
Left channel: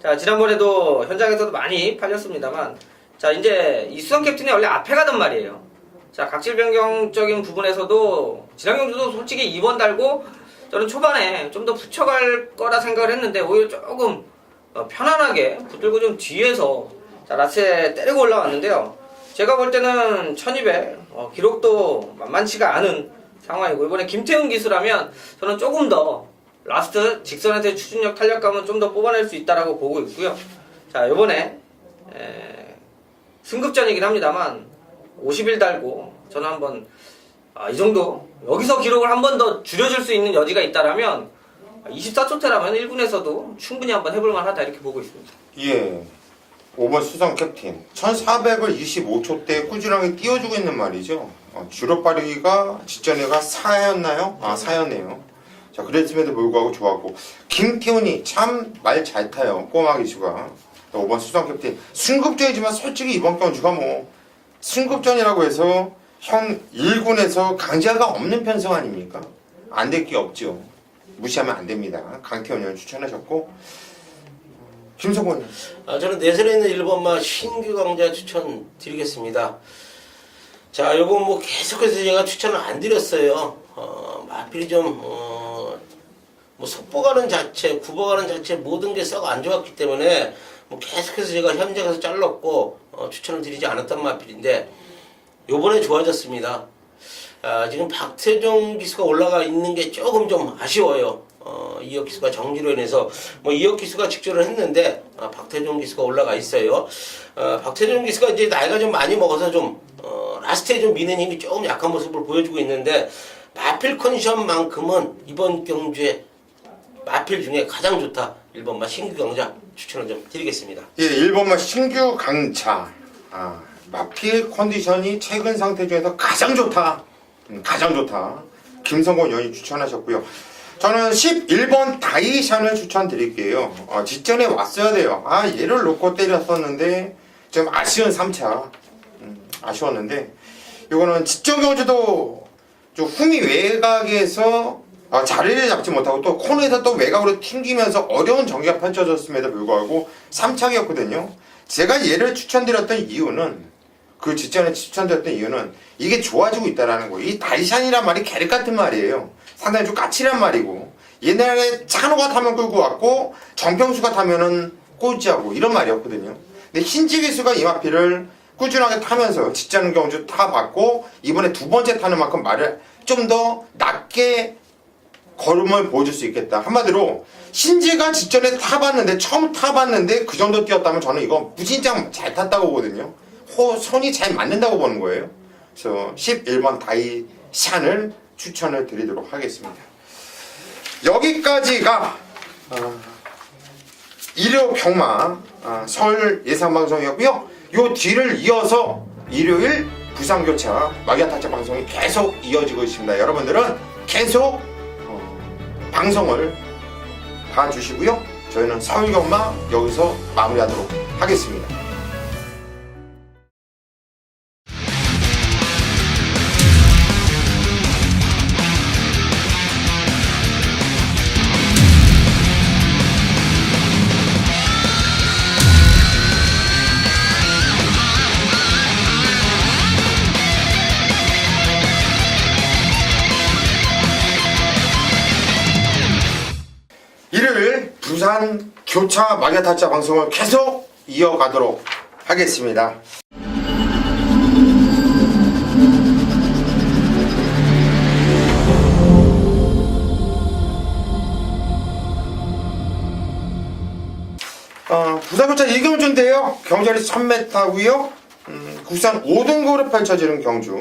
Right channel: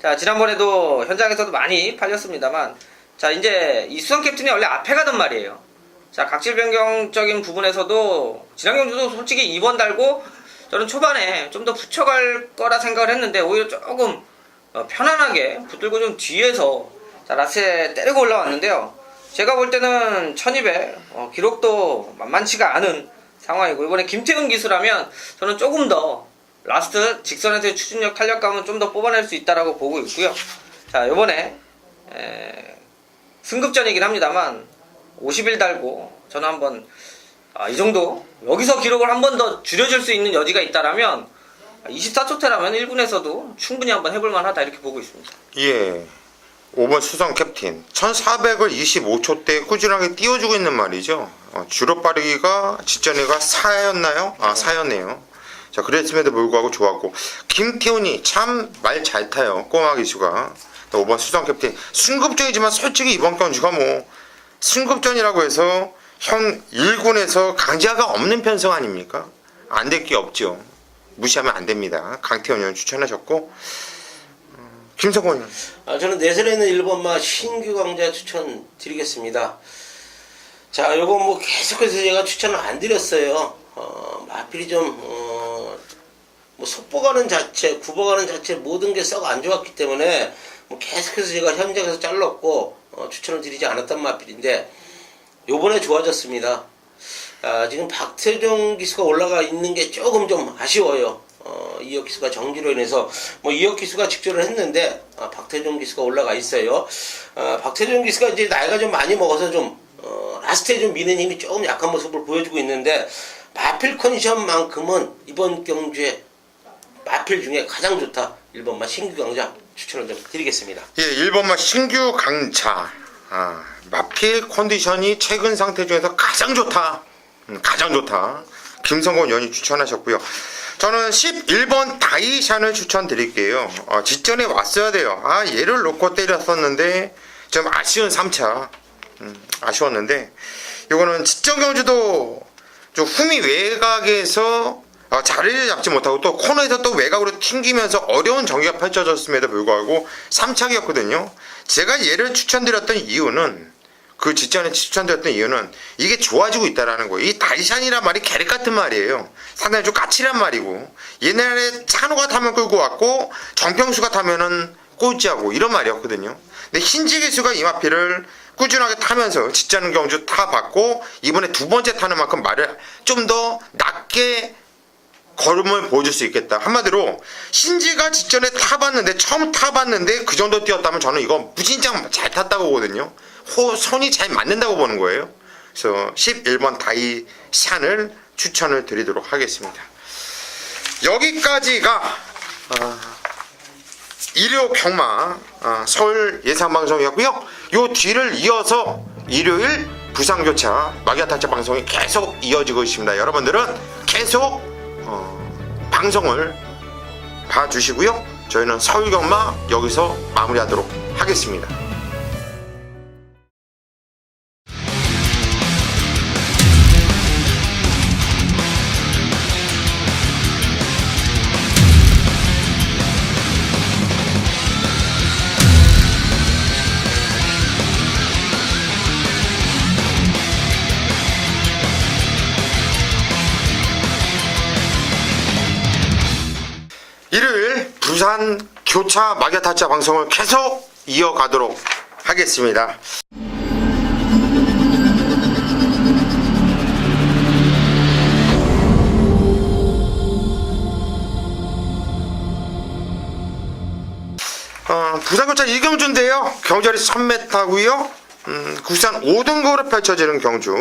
자, 지난번에도 현장에서도 많이 팔렸습니다만, 자, 이제 이 수성 캡틴이 원래 앞에 가던 말이에요. 자, 각질 변경적인 부분에서도 지난 경주도 솔직히 2번 달고 저는 초반에 좀 더 붙여갈 거라 생각을 했는데 오히려 조금 편안하게 붙들고 좀 뒤에서 자, 라스에 때리고 올라왔는데요. 제가 볼 때는 1200 기록도 만만치가 않은 상황이고, 이번에 김태훈 기수라면 저는 조금 더 라스트 직선에서의 추진력 탄력감은 좀 더 뽑아낼 수 있다라고 보고 있고요. 자, 이번에 승급전이긴 합니다만 50일 달고 저는 한번 이 정도 여기서 기록을 한 번 더 줄여줄 수 있는 여지가 있다라면 24초태라면 1군에서도 충분히 한번 해볼만 하다 이렇게 보고 있습니다. 예, 5번 수성 캡틴 1400을 25초대 꾸준하게 띄워주고 있는 말이죠. 주로 빠르기가 직전에가 4였나요? 4였네요. 자, 그랬음에도 불구하고 좋았고, 김태훈이 참 말 잘 타요. 꼬마 기수가. 5번 수성 캡틴 승급전이지만 솔직히 이번 경주가 뭐 승급전이라고 해서 형 1군에서 강자가 없는 편성 아닙니까? 안 될 게 없죠. 무시하면 안 됩니다. 강태현 의원 추천하셨고, 김성곤 의원. 저는 내선에 있는 1번마 신규 강자 추천 드리겠습니다. 자, 요거 뭐 계속해서 제가 추천을 안 드렸어요. 마필이 좀 뭐 속보가는 자체, 구보가는 자체 모든 게 썩 안 좋았기 때문에 뭐 계속해서 제가 현장에서 잘랐고 추천을 드리지 않았단 마필인데 요번에 좋아졌습니다. 지금 박태종 기수가 올라가 있는 게 조금 좀 아쉬워요. 이혁 기수가 정지로 인해서 뭐 이혁 기수가 직전을 했는데 박태종 기수가 올라가 있어요. 박태종 기수가 이제 나이가 좀 많이 먹어서 좀 라스트에 좀 미는 힘이 조금 약한 모습을 보여주고 있는데 마필 컨디션만큼은 이번 경주에 마필 중에 가장 좋다. 1번마 신규 강자 추천을 좀 드리겠습니다. 예, 1번마 신규 강자. 마필 컨디션이 최근 상태 중에서 가장 좋다. 가장 좋다. 김성곤 의원이 추천하셨고요. 저는 11번 다이샨을 추천드릴게요. 직전에 왔어야 돼요. 얘를 놓고 때렸었는데 좀 아쉬운 3차. 아쉬웠는데 이거는 직전 경주도 좀 후미 외곽에서 자리를 잡지 못하고 또 코너에서 또 외곽으로 튕기면서 어려운 경기가 펼쳐졌음에도 불구하고 3착이었거든요. 제가 얘를 추천드렸던 이유는 그 직전에 추천드렸던 이유는 이게 좋아지고 있다라는 거예요. 이 다이샨이란 말이 계륵 같은 말이에요. 상당히 좀 까칠한 말이고 옛날에 찬호가 타면 끌고 왔고 정평수가 타면은 꼴찌하고 이런 말이었거든요. 근데 신지기수가 이 마필을 꾸준하게 타면서 직전 경주 타봤고 이번에 두 번째 타는 만큼 말을 좀 더 낮게 걸음을 보여줄 수 있겠다. 한마디로 신지가 직전에 타봤는데 처음 타봤는데 그 정도 뛰었다면 저는 이거 무진장 잘 탔다고 보거든요. 손이 잘 맞는다고 보는 거예요. 그래서 11번 다이샨을 추천을 드리도록 하겠습니다. 여기까지가 일요 경마 서울 예상방송이었고요. 요 뒤를 이어서 일요일 부산교차 마기아타짜 방송이 계속 이어지고 있습니다. 여러분들은 계속 방송을 봐주시고요. 저희는 서울 경마 여기서 마무리하도록 하겠습니다. 일요일 부산 교차 마기아타짜 방송을 계속 이어가도록 하겠습니다. 부산교차 이경주인데요. 경자리 1000m고요. 국산 5등급으로 펼쳐지는 경주.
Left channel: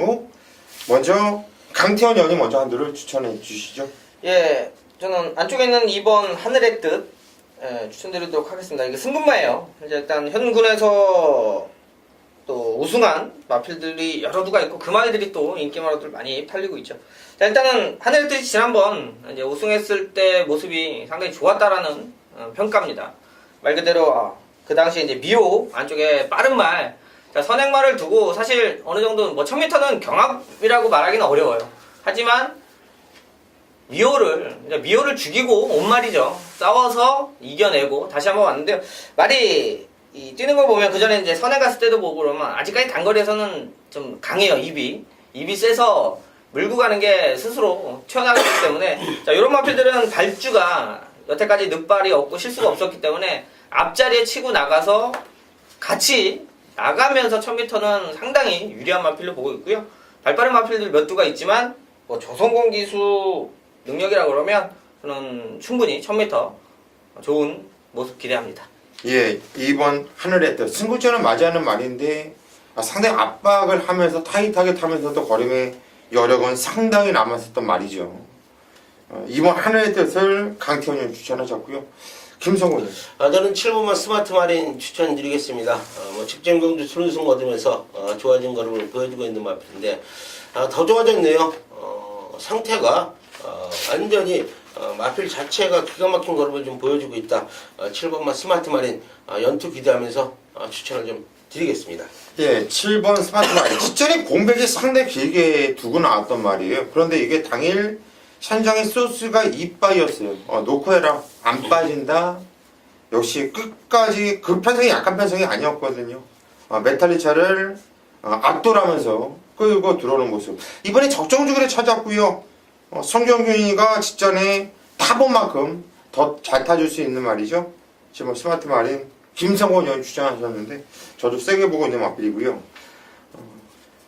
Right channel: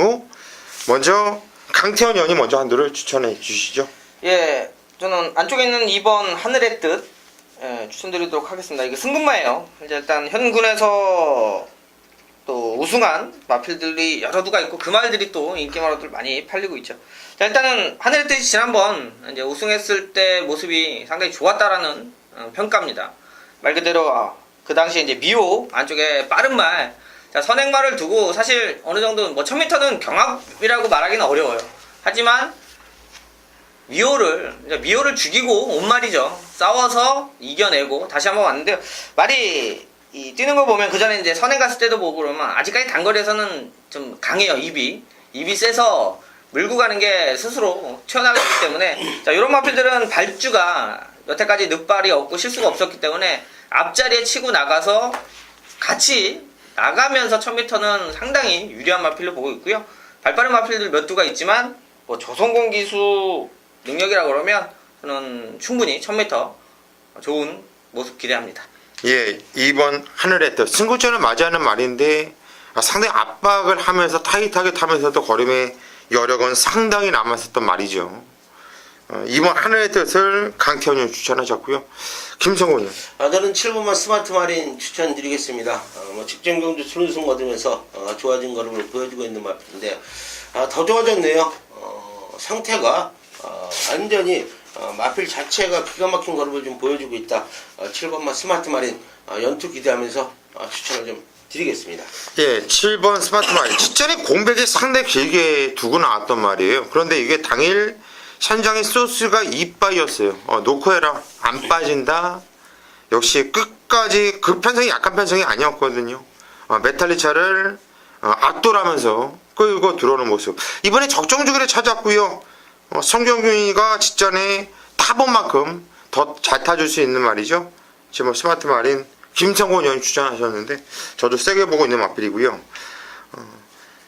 먼저 강태원 연이 먼저 한두를 추천해 주시죠. 예, 저는 안쪽에 있는 2번 하늘의 뜻 추천드리도록 하겠습니다. 이게 승분마예요. 이제 일단 현군에서 또 우승한 마필들이 여러 두가 있고 그 말들이 또 인기마로들 많이 팔리고 있죠. 자, 일단은 하늘의 뜻이 지난번 이제 우승했을 때 모습이 상당히 좋았다라는 평가입니다. 말 그대로 그 당시 이제 미호 안쪽에 빠른 말, 자, 선행말을 두고 사실 어느 정도 뭐 1000m는 경합이라고 말하기는 어려워요. 하지만 미호를 죽이고 온 말이죠. 싸워서 이겨내고 다시 한번 왔는데요. 말이 뛰는 거 보면 그 전에 이제 선행 갔을 때도 보고 그러면 아직까지 단거리에서는 좀 강해요. 입이 세서 물고 가는 게 스스로 튀어나가기 때문에 자, 이런 마필들은 발주가 여태까지 늑발이 없고 실수가 없었기 때문에 앞자리에 치고 나가서 같이 나가면서 1000m는 상당히 유리한 마필로 보고 있고요. 발빠른 마필들 몇 두가 있지만 뭐 조성공 기수 능력이라 그러면 저는 충분히 1000m 좋은 모습 기대합니다. 예, 2번 하늘의 뜻. 승구전을 맞이하는 말인데 상당히 압박을 하면서 타이트하게 타면서도 걸음의 여력은 상당히 남았었던 말이죠. 2번 하늘의 뜻을 강태원님 추천하셨고요. 김성훈님. 저는 7번만 스마트 마린 추천드리겠습니다. 직전 경주 순우승 얻으면서 좋아진 걸음을 보여주고 있는 마필인데 더 좋아졌네요. 상태가 완전히 마필 자체가 기가 막힌 걸음을 좀 보여주고 있다. 7번만 스마트 마린 연투 기대하면서 추천을 좀 드리겠습니다. 예, 7번 스마트 마린. 직전에 공백이 상당히 길게 두고 나왔던 말이에요. 그런데 이게 당일 현장의 소스가 이빠이였어요. 놓고 해라. 안 빠진다. 역시 끝까지 그 편성이 약한 편성이 아니었거든요. 메탈리차를 압도하면서 끌고 들어오는 모습. 이번에 적정주기를 찾았고요. 성경균이가 직전에 타본 만큼 더 잘 타줄 수 있는 말이죠. 지금 스마트 마린 김성곤 의원이 추천하셨는데 저도 세게 보고 있는 마필이고요.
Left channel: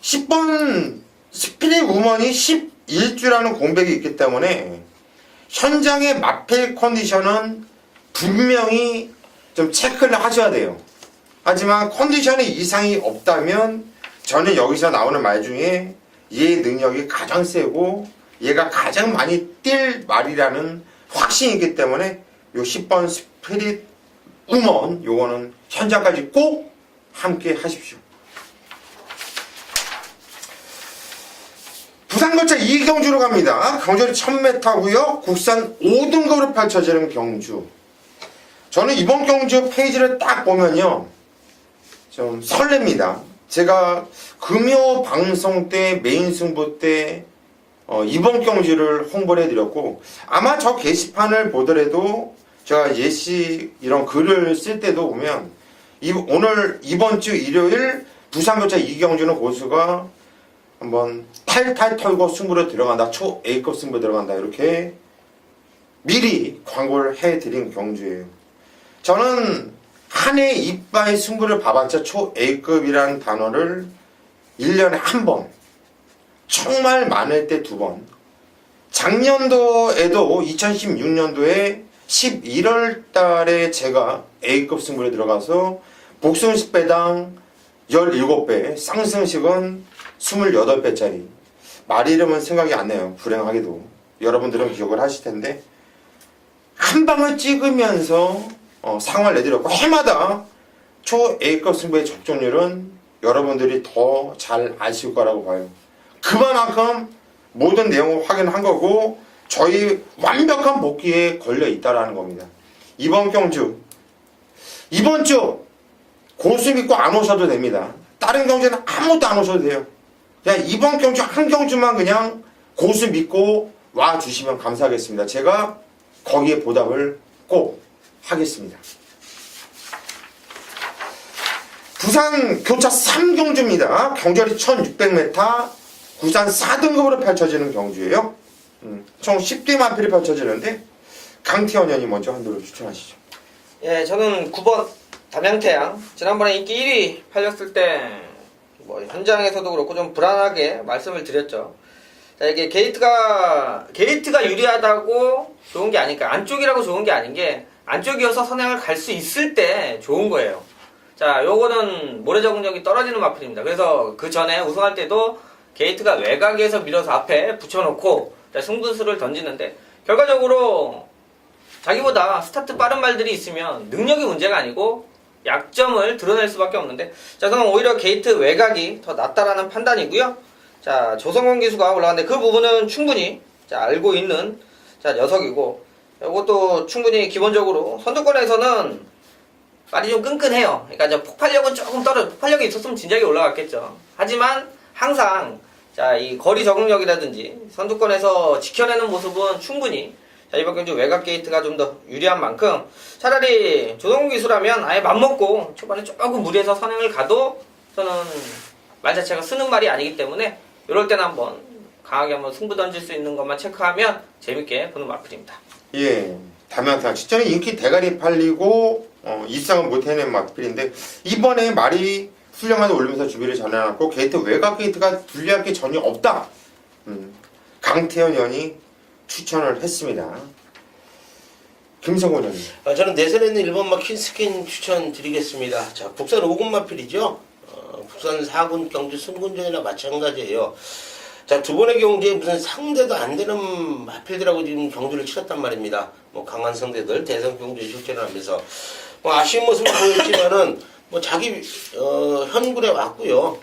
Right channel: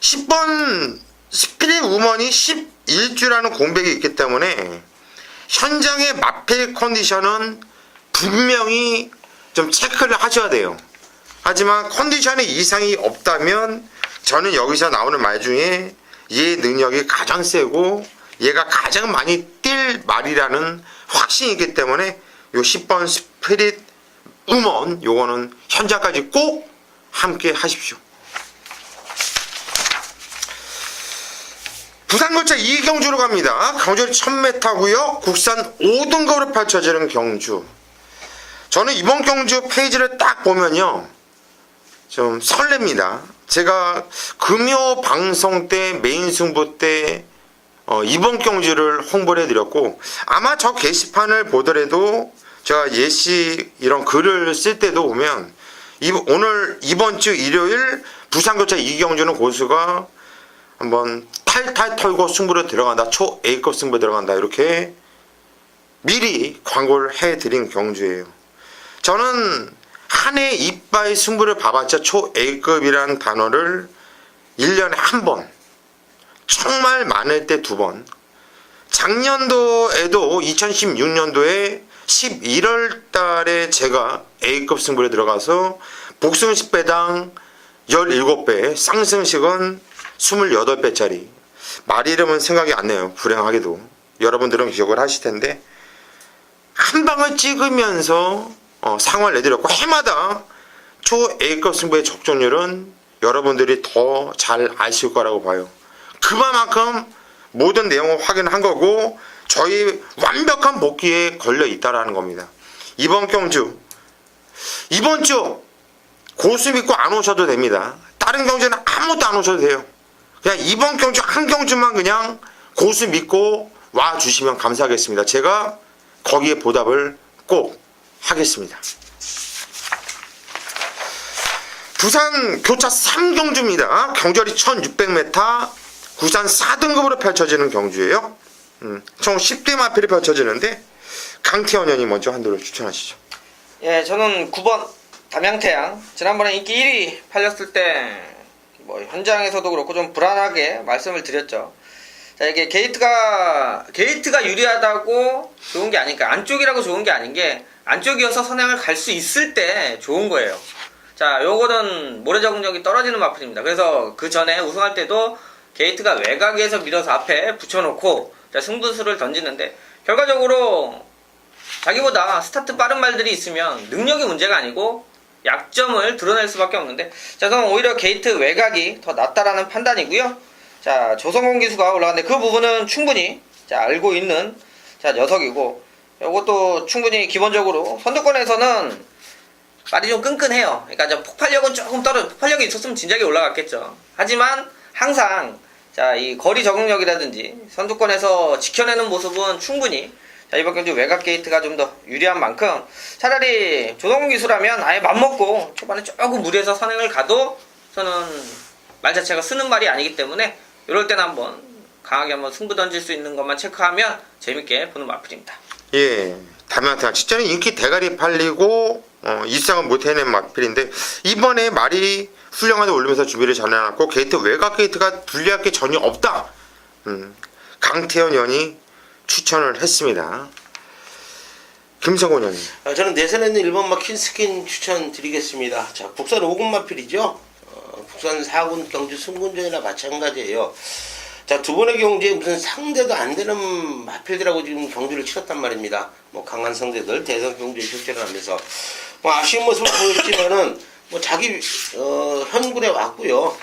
10번 스피릿 우먼이 11주라는 공백이 있기 때문에 현장의 마필 컨디션은 분명히 좀 체크를 하셔야 돼요. 하지만 컨디션에 이상이 없다면 저는 여기서 나오는 말 중에 얘 능력이 가장 세고 얘가 가장 많이 뛸 말이라는 확신이 있기 때문에 요 10번 스피릿 우먼 요거는 현장까지 꼭 함께 하십시오. 부산교차 이경주로 갑니다. 경주는 1000m고요. 국산 5등급으로 펼쳐지는 경주. 저는 이번 경주 페이지를 딱 보면요. 좀 설렙니다. 제가 금요 방송 때 메인 승부 때 이번 경주를 홍보를 해드렸고, 아마 저 게시판을 보더라도 제가 예시 이런 글을 쓸 때도 보면 오늘 이번 주 일요일 부산교차 이경주는 고수가 한번 탈탈 털고 승부로 들어간다, 초 A급 승부 들어간다, 이렇게 미리 광고를 해드린 경주예요. 저는 한 해 이빠이 승부를 봐봤자 초 A급이라는 단어를 1년에 한 번, 정말 많을 때 2번, 작년도에도 2016년도에 11월 달에 제가 A급 승부에 들어가서 복승식 배당 17배, 쌍승식은 28배짜리. 말 이름은 생각이 안 나요. 불행하게도. 여러분들은 기억을 하실 텐데, 한 방을 찍으면서 상황을 내드렸고, 해마다 초 A급 승부의 적중률은 여러분들이 더 잘 아실 거라고 봐요. 그만큼 모든 내용을 확인한 거고, 저희 완벽한 복귀에 걸려 있다라는 겁니다. 이번 경주, 이번 주 고수 믿고 안 오셔도 됩니다. 다른 경주는 아무것도 안 오셔도 돼요. 그냥 이번 경주 한 경주만 그냥 고수 믿고 와 주시면 감사하겠습니다. 제가 거기에 보답을 꼭 하겠습니다. 부산 교차 3경주입니다. 경주거리 1600m, 부산 4등급으로 펼쳐지는 경주예요. 총 10대 마필이 펼쳐지는데, 강태원 의원이 먼저 한도를 추천하시죠. 예, 저는 9번 담양태양. 지난번에 인기 1위 팔렸을 때 뭐 현장에서도 그렇고 좀 불안하게 말씀을 드렸죠. 자, 이게 게이트가 유리하다고 좋은 게 아니까, 안쪽이라고 좋은 게 아닌 게, 안쪽이어서 선행을 갈 수 있을 때 좋은 거예요. 자, 요거는 모래 적응력이 떨어지는 마필입니다. 그래서 그 전에 우승할 때도 게이트가 외곽에서 밀어서 앞에 붙여놓고 자, 승부수를 던지는데, 결과적으로 자기보다 스타트 빠른 말들이 있으면 능력이 문제가 아니고 약점을 드러낼 수밖에 없는데, 자, 저는 오히려 게이트 외곽이 더 낫다라는 판단이고요. 자, 조성공 기수가 올라왔는데 그 부분은 충분히 자, 알고 있는 자, 녀석이고, 이것도 충분히 기본적으로 선두권에서는 말이 좀 끈끈해요. 그러니까 이제 폭발력은 조금 폭발력이 있었으면 진작에 올라갔겠죠. 하지만 항상 자, 이 거리 적응력이라든지 선두권에서 지켜내는 모습은 충분히 자, 이번 경주 외곽 게이트가 좀 더 유리한 만큼, 차라리 조성공 기수라면 아예 맘먹고 초반에 조금 무리해서 선행을 가도 저는 말 자체가 쓰는 말이 아니기 때문에 이럴 때는 한번 강하게 한번 승부 던질 수 있는 것만 체크하면 재밌게 보는 마필입니다. 예, 담양태양 직전에 인기 대가리 팔리고 이상은 못 해낸 마필인데, 이번에 말이 훌륭하게 올리면서 준비를 잘 해놨고, 게이트 외곽 게이트가 불리할 게 전혀 없다. 강태현 의원이 추천을 했습니다. 김성곤 의원님. 저는 내선에는 1번 마킨 스킨 추천드리겠습니다. 자, 국산 5군 마필이죠. 국산 4군 경주 승군전이나 마찬가지예요. 자, 두 번의 경주에 무슨 상대도 안 되는 마필들하고 지금 경주를 치렀단 말입니다. 뭐 강한 상대들 대선 경주에 출전을 하면서 뭐 아쉬운 모습을 보였지만은 뭐 자기 현군에 왔고요.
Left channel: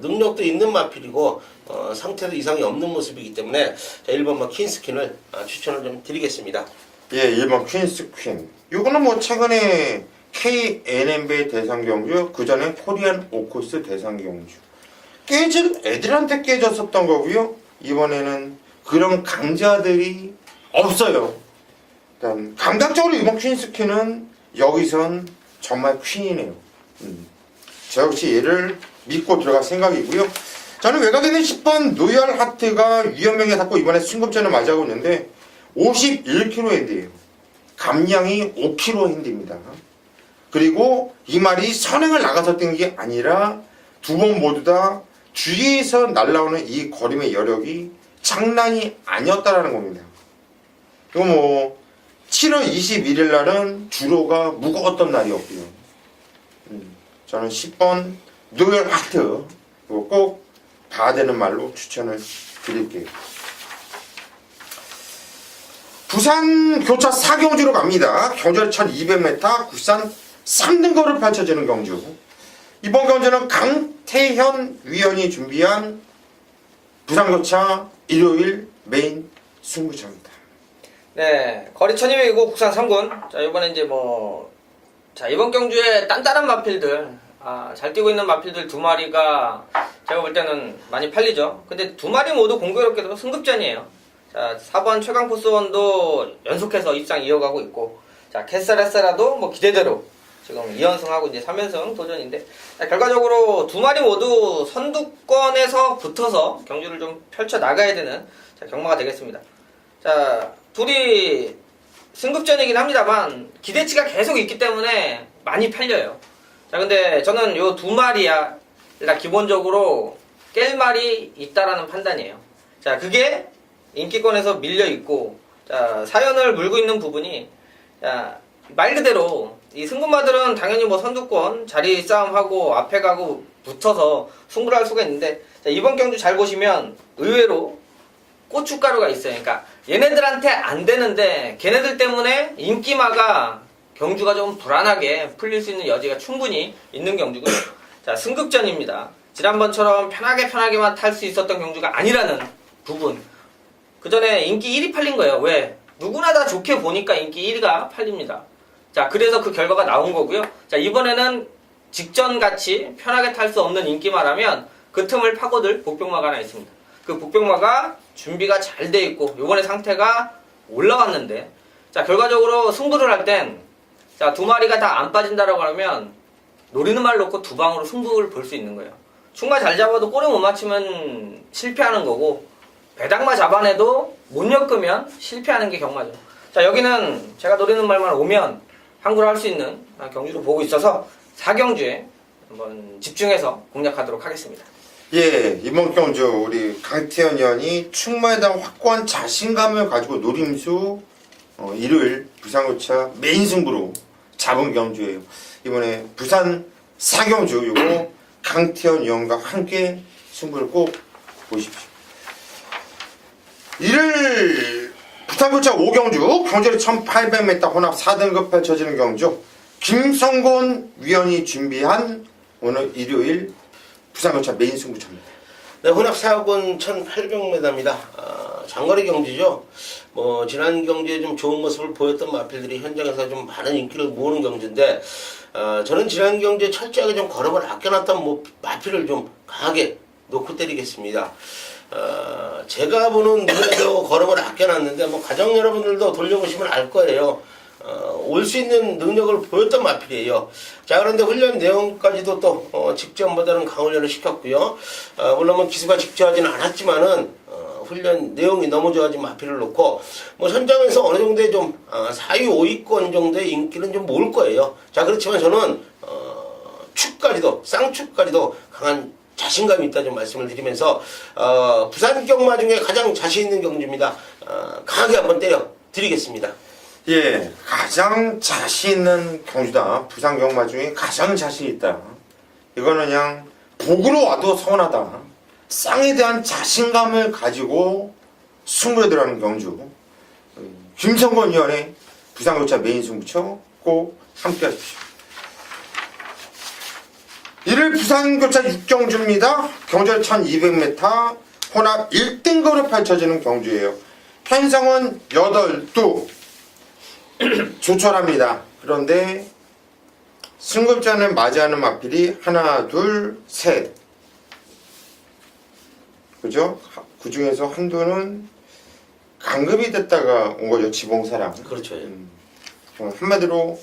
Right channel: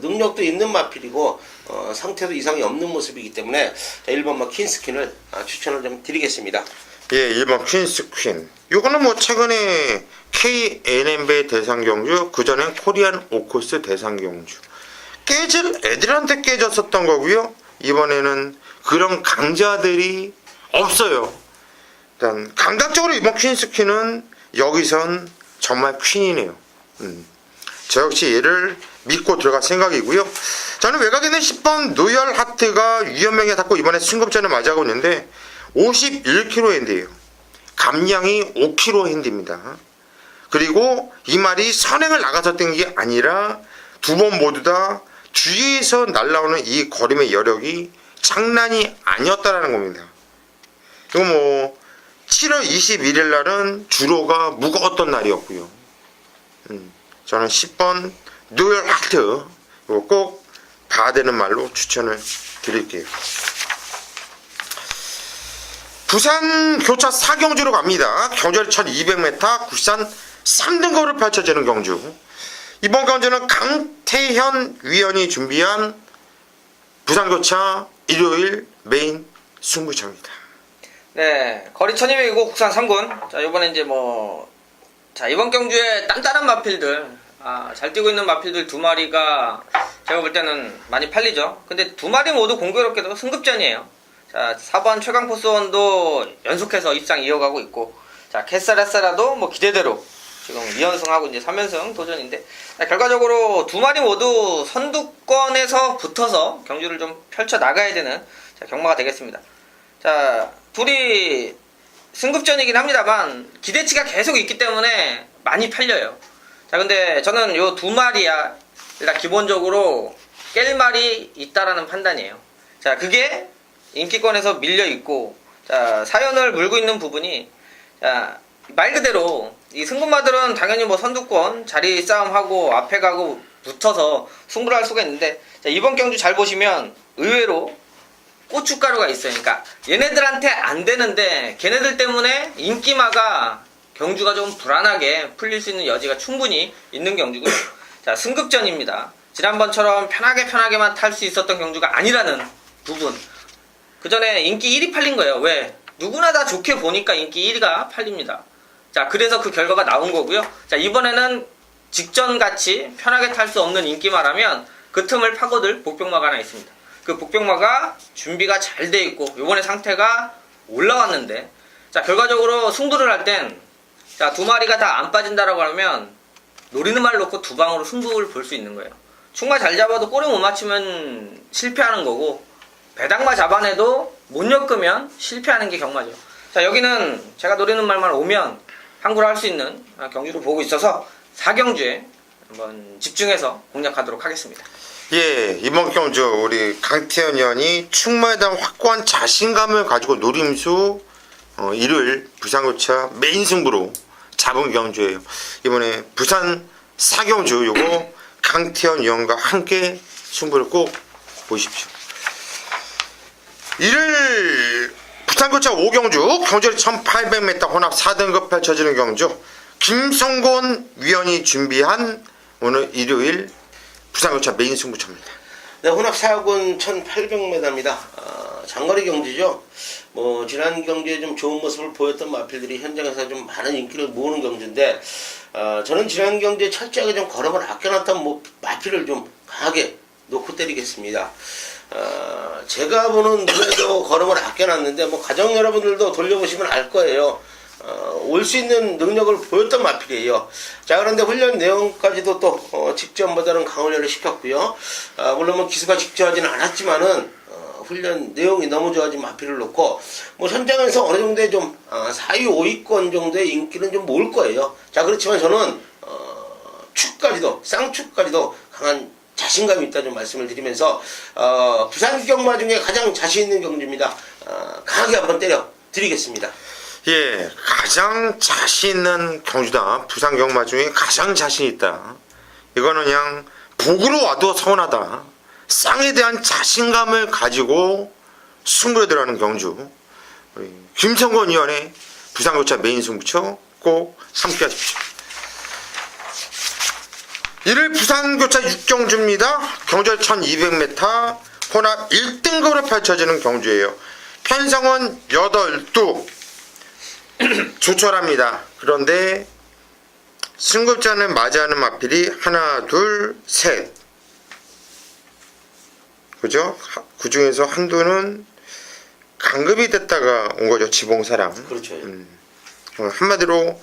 능력도 있는 마필이고 상태도 이상이 없는 모습이기 때문에 1번 마킨 스킨을 추천을 좀 드리겠습니다. 예, 1번 퀸스 퀸. 요거는 뭐 최근에 KNMB 대상 경주, 그 전에 코리안 오코스 대상 경주. 애들한테 깨졌었던 거고요. 이번에는 그런 강자들이 없어요. 일단 감각적으로 이번 퀸스 퀸은 여기선 정말 퀸이네요. 저 역시 얘를 믿고 들어갈 생각이고요. 저는 외곽에는 10번 노열 하트가 위험하게 닿고 이번에 승급전을 맞이하고 있는데 51kg 핸드예요. 감량이 5kg 핸드입니다. 그리고 이 말이 선행을 나가서 뛴 게 아니라 두 번 모두 다 뒤에서 날라오는 이 거림의 여력이 장난이 아니었다라는 겁니다. 이거 뭐 7월 21일 날은 주로가 무거웠던 날이었고요. 저는 10번 노열 하트 이거 꼭 봐야 되는 말로 추천을 드릴게요. 부산 교차 4경주로 갑니다. 경주거리 1200m, 국산 3등급으로 펼쳐지는 경주. 이번 경주는 강태현 위원이 준비한 부산 교차 일요일 메인 승부처입니다. 네, 거리 1200이고 국산 3군. 자, 이번에 이제 자, 이번 경주에 단단한 마필들, 잘 뛰고 있는 마필들 2마리가 제가 볼 때는 많이 팔리죠. 근데 두 마리 모두 공교롭게도 승급전이에요. 자, 4번 최강포스원도 연속해서 입상 이어가고 있고, 자, 캐사라사라도 뭐 기대대로 지금 2연승하고 이제 3연승 도전인데, 자, 결과적으로 두 마리 모두 선두권에서 붙어서 경주를 좀 펼쳐 나가야 되는 자, 경마가 되겠습니다. 자, 둘이 승급전이긴 합니다만 기대치가 계속 있기 때문에 많이 팔려요. 자, 근데 저는 요 두 마리야 일단 기본적으로 깰 말이 있다라는 판단이에요. 자, 그게 인기권에서 밀려 있고, 자, 사연을 물고 있는 부분이, 자, 말 그대로 이 승급마들은 당연히 뭐 선두권 자리 싸움하고 앞에 가고 붙어서 승부를 할 수가 있는데, 자, 이번 경주 잘 보시면 의외로 고춧가루가 있어요. 그러니까 얘네들한테 안 되는데 걔네들 때문에 인기마가 경주가 좀 불안하게 풀릴 수 있는 여지가 충분히 있는 경주고요. 자, 승급전입니다. 지난번처럼 편하게만 탈 수 있었던 경주가 아니라는 부분. 그 전에 인기 1위 팔린 거예요. 왜? 누구나 다 좋게 보니까 인기 1위가 팔립니다. 자, 그래서 그 결과가 나온 거고요. 자, 이번에는 직전같이 편하게 탈 수 없는 인기마라면 그 틈을 파고들 복병마가 하나 있습니다. 그 복병마가 준비가 잘 돼 있고 이번에 상태가 올라왔는데, 자, 결과적으로 승부를 할 땐, 자, 두 마리가 다 안 빠진다라고 하면 노리는 말 놓고 두 방으로 승부를 볼 수 있는 거예요. 충마 잘 잡아도 꼬리 못 맞추면 실패하는 거고, 배당마 잡아내도 못 엮으면 실패하는 게 경마죠. 자, 여기는 제가 노리는 말만 오면 항구를 할 수 있는 경주를 보고 있어서 4경주에 한번 집중해서 공략하도록 하겠습니다. 예, 이번 경주 우리 강태현 의원이 충마에 대한 확고한 자신감을 가지고 노림수 일요일 부산고차 메인 승부로 잡은 경주예요. 이번에 부산 4경주 요거 강태현 의원과 함께 승부를 꼭 보십시오. 일요일 부산고차 5경주 경주리 1800m 혼합 4등급 펼쳐지는 경주, 김성곤 위원이 준비한 오늘 일요일 부산고차 메인 승부처입니다. 네, 혼합 4군 1800m입니다. 장거리 경주죠. 뭐 지난 경주에 좀 좋은 모습을 보였던 마필들이 현장에서 좀 많은 인기를 모으는 경주인데, 저는 지난 경주에 철저하게 좀 걸음을 아껴놨던 마필을 좀 강하게 놓고 때리겠습니다. 제가 보는 눈에도 걸음을 아껴놨는데, 뭐 가정 여러분들도 돌려보시면 알 거예요. 올 수 있는 능력을 보였던 마필이에요. 자, 그런데 훈련 내용까지도 또 직전보다는 강훈련을 시켰고요. 물론 뭐 기수가 직전하지는 않았지만은 훈련 내용이 너무 좋아진 마필을 놓고 뭐 현장에서 어느 정도의 좀 4위 5위권 정도의 인기는 좀 모을 거예요. 자, 그렇지만 저는 축까지도 쌍축까지도 강한 자신감이 있다 좀 말씀을 드리면서 부산 경마 중에 가장 자신 있는 경주입니다. 강하게 한번 때려 드리겠습니다. 예, 가장 자신 있는 경주다. 부산 경마 중에 가장 자신 있다. 이거는 그냥 복으로 와도 서운하다. 쌍에 대한 자신감을 가지고 승부에 들어가는 경주. 우리 김성곤 의원의 부산고차 메인 승부처 꼭 함께 하십시오. 이를 부산고차 6경주입니다. 경주를 1200m 혼합 1등급으로 펼쳐지는 경주예요. 편성은 8두 조촐합니다. 그런데 승급자는 맞이하는 마필이 하나, 둘, 셋. 그죠? 그 중에서 한두는 강급이 됐다가 온 거죠. 지봉사랑. 그렇죠. 한마디로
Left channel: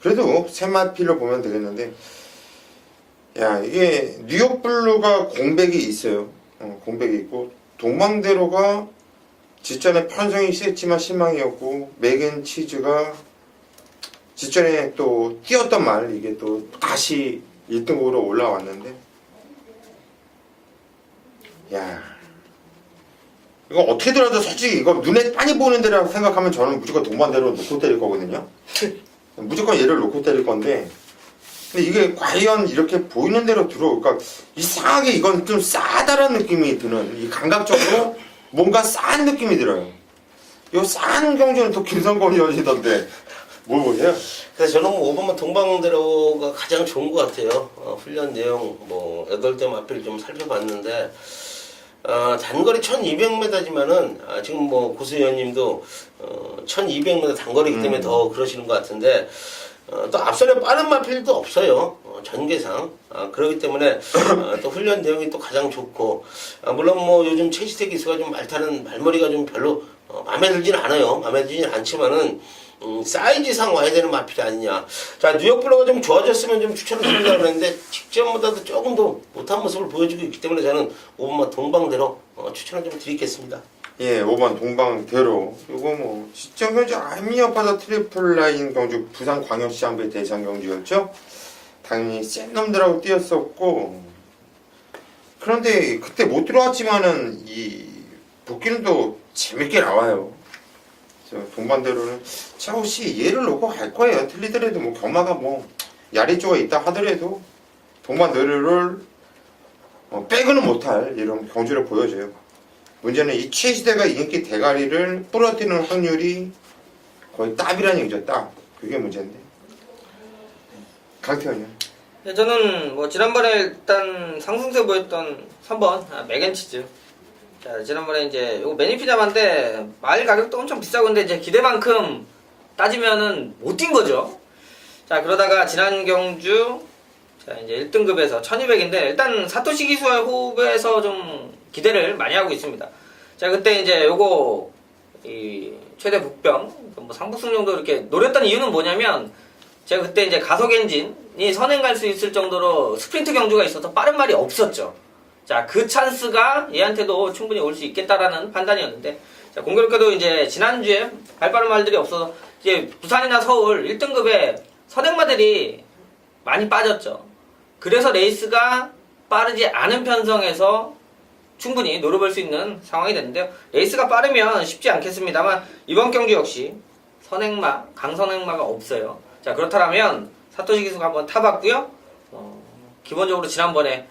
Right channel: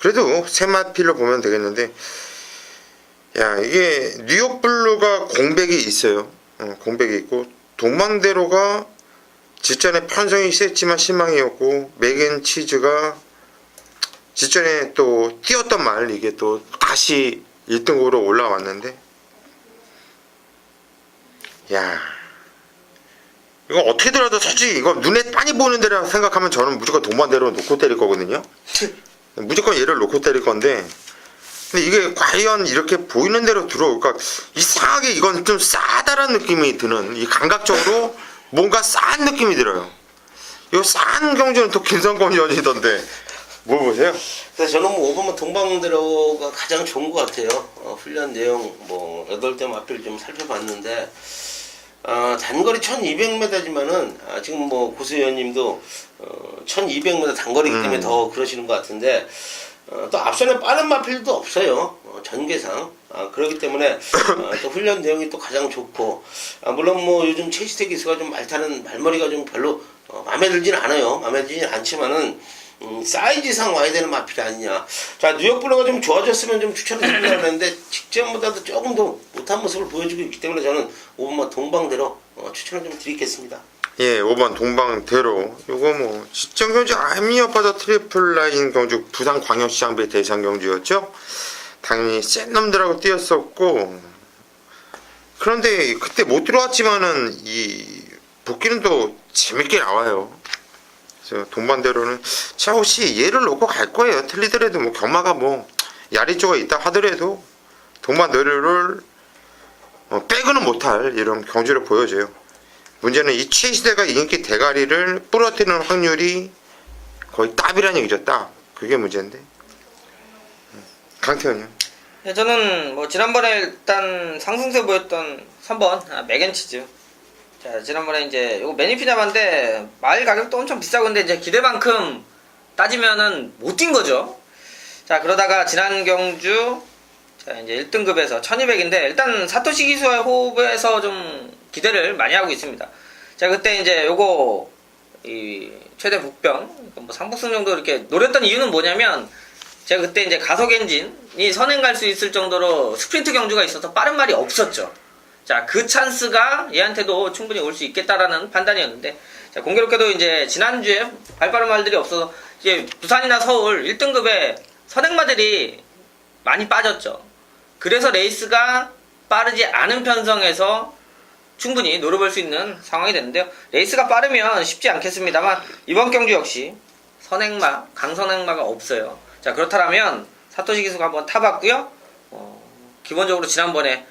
그래도 세 마필로 보면 되겠는데, 야, 이게 뉴욕블루가 공백이 있어요. 공백이 있고, 동망대로가 직전에 편성이 셌지만 실망이었고, 맥앤치즈가 직전에 또 뛰었던 말, 이게 또 다시 1등급으로 올라왔는데, 야, 이거 어떻게 들어도 솔직히 이거 눈에 빤히 보는 데라 생각하면 저는 무조건 동반대로 놓고 때릴 거거든요. 무조건 얘를 놓고 때릴 건데, 근데 이게 과연 이렇게 보이는 대로 들어올까? 이상하게 이건 좀 싸다라는 느낌이 드는, 이 감각적으로 뭔가 싼 느낌이 들어요. 이 싼 경주는 또 김성곤 의원이던데 뭐 보세요? 그래서 저는 뭐 5번만 동방대로가 가장 좋은 것 같아요. 훈련 내용 뭐 8대 마필 좀 살펴봤는데, 단거리 1200m지만은 지금 뭐 고수 의원님도 1200m 단거리이기 때문에 더 그러시는 것 같은데, 또 앞선에 빠른 마필도 없어요. 전개상 그렇기 때문에 또 훈련 내용이 또 가장 좋고 물론 뭐 요즘 최시태 기수가 좀 말머리가 좀 별로 마음에 들지는 않아요. 마음에 들지는 않지만은 사이즈상 와야 되는 마필이 아니냐. 자, 뉴욕 블러가 좀 좋아졌으면 좀 추천을 드리려고 했는데 직전보다도 조금 더 못한 모습을 보여주고 있기 때문에 저는 5번마 동방대로 추천을 좀 드리겠습니다. 예, 5번 동방대로. 요거 뭐 시청 경주 아미어파서 트리플 라인 경주 부산 광역시장배 대상 경주였죠. 당연히 센 놈들하고 뛰었었고, 그런데 그때 못 들어왔지만은 이 복귀는 또 재밌게 나와요. 그래서 동반대로는 차호 씨 얘를 놓고 갈 거예요. 틀리더라도 뭐 경마가 뭐 야리조가 있다 하더라도 동반대로를 빼고는 못할 이런 경주를 보여줘요. 문제는 이 최시대가 인기 대가리를 부러뜨리는 확률이 거의 따비라는 얘기죠. 딱 그게 문제인데. 강태현님. 예, 저는 뭐 지난번에 일단 상승세 보였던 3번 맥앤치즈. 자, 지난번에 이제 이거 매니피자만데 마일 가격도 엄청 비싸건데 이제 기대만큼 따지면은 못 뛴 거죠. 자, 그러다가 지난 경주 자 이제 1등급에서 1200인데 일단 사토시 기수와의 호흡에서 좀 기대를 많이 하고 있습니다. 자, 그때 이제 요거 이 최대 복병 뭐 상복승 정도 이렇게 노렸던 이유는 뭐냐면 제가 그때 이제 가속 엔진이 선행 갈 수 있을 정도로 스프린트 경주가 있어서 빠른 말이 없었죠. 자, 그 찬스가 얘한테도 충분히 올 수 있겠다라는 판단이었는데, 자, 공교롭게도 이제 지난주에 발빠른 말들이 없어서 이제 부산이나 서울 1등급에 선행마들이 많이 빠졌죠. 그래서 레이스가 빠르지 않은 편성에서 충분히 노려볼 수 있는 상황이 됐는데요. 레이스가 빠르면 쉽지 않겠습니다만 이번 경주 역시 선행마, 강선행마가 없어요. 자, 그렇다면 사토시 기수가 한번 타봤고요. 기본적으로 지난번에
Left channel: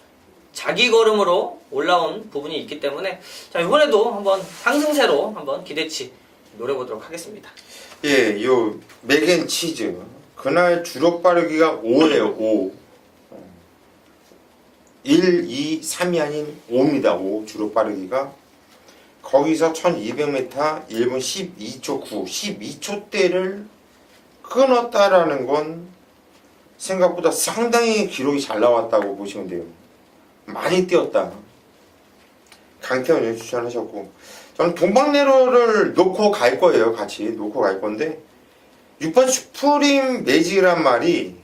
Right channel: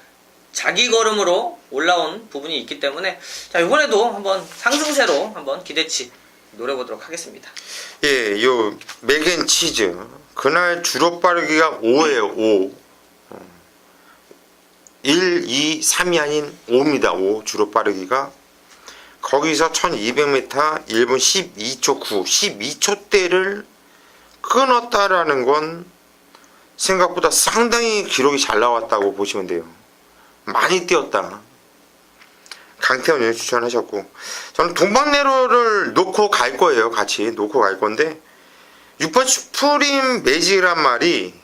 자기 걸음으로 올라온 부분이 있기 때문에 자, 이번에도 한번 상승세로 한번 기대치 노려보도록 하겠습니다. 예, 요 맥앤치즈 그날 주로 빠르기가 5예요. 5. 1, 2, 3이 아닌 5입니다. 5 주로 빠르기가. 거기서 1200m 1분 12초 9 12초대를 끊었다라는 건 생각보다 상당히 기록이 잘 나왔다고 보시면 돼요. 많이 뛰었다. 강태훈님 추천하셨고, 저는 동방내로를 놓고 갈 거예요. 같이 놓고 갈 건데 6번 슈프림 매직이란 말이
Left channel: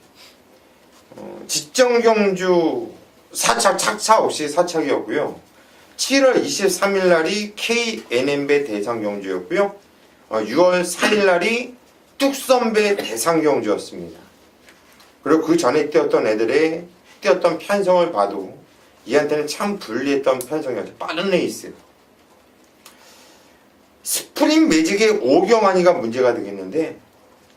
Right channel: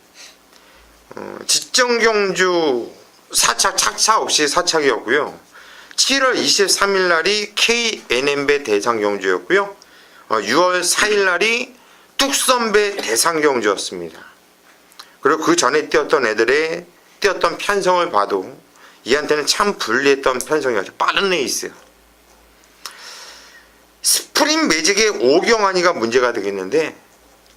지정경주 사착 착차 없이 사착이었고요. 7월 23일 날이 KNM배 대상 경주였고요. 6월 4일 날이 뚝선배 대상 경주였습니다. 그리고 그 전에 뛰었던 애들의 뛰었던 편성을 봐도 얘한테는 참 불리했던 편성이었죠. 빠른 레이스. 스프링 매직의 오경환이가 문제가 되겠는데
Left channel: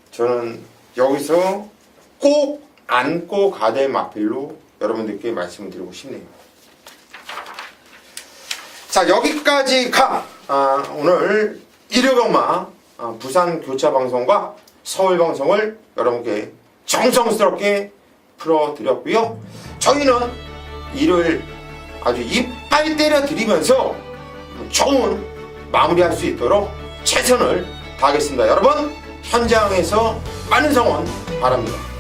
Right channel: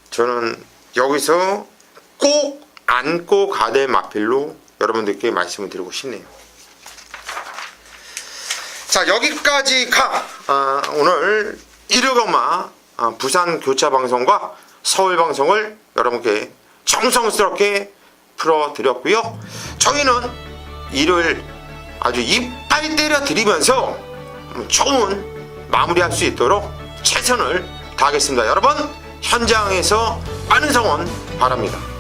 저는 여기서 꼭 안고 가야 될 마필로 여러분들께 말씀을 드리고 싶네요. 자, 여기까지가 오늘 일요경마 부산 교차 방송과 서울 방송을 여러분께 정성스럽게 풀어드렸고요. 저희는 일요일 아주 이빨 때려 드리면서 좋은 마무리할 수 있도록 최선을 다하겠습니다. 여러분 현장에서 많은 성원 바랍니다.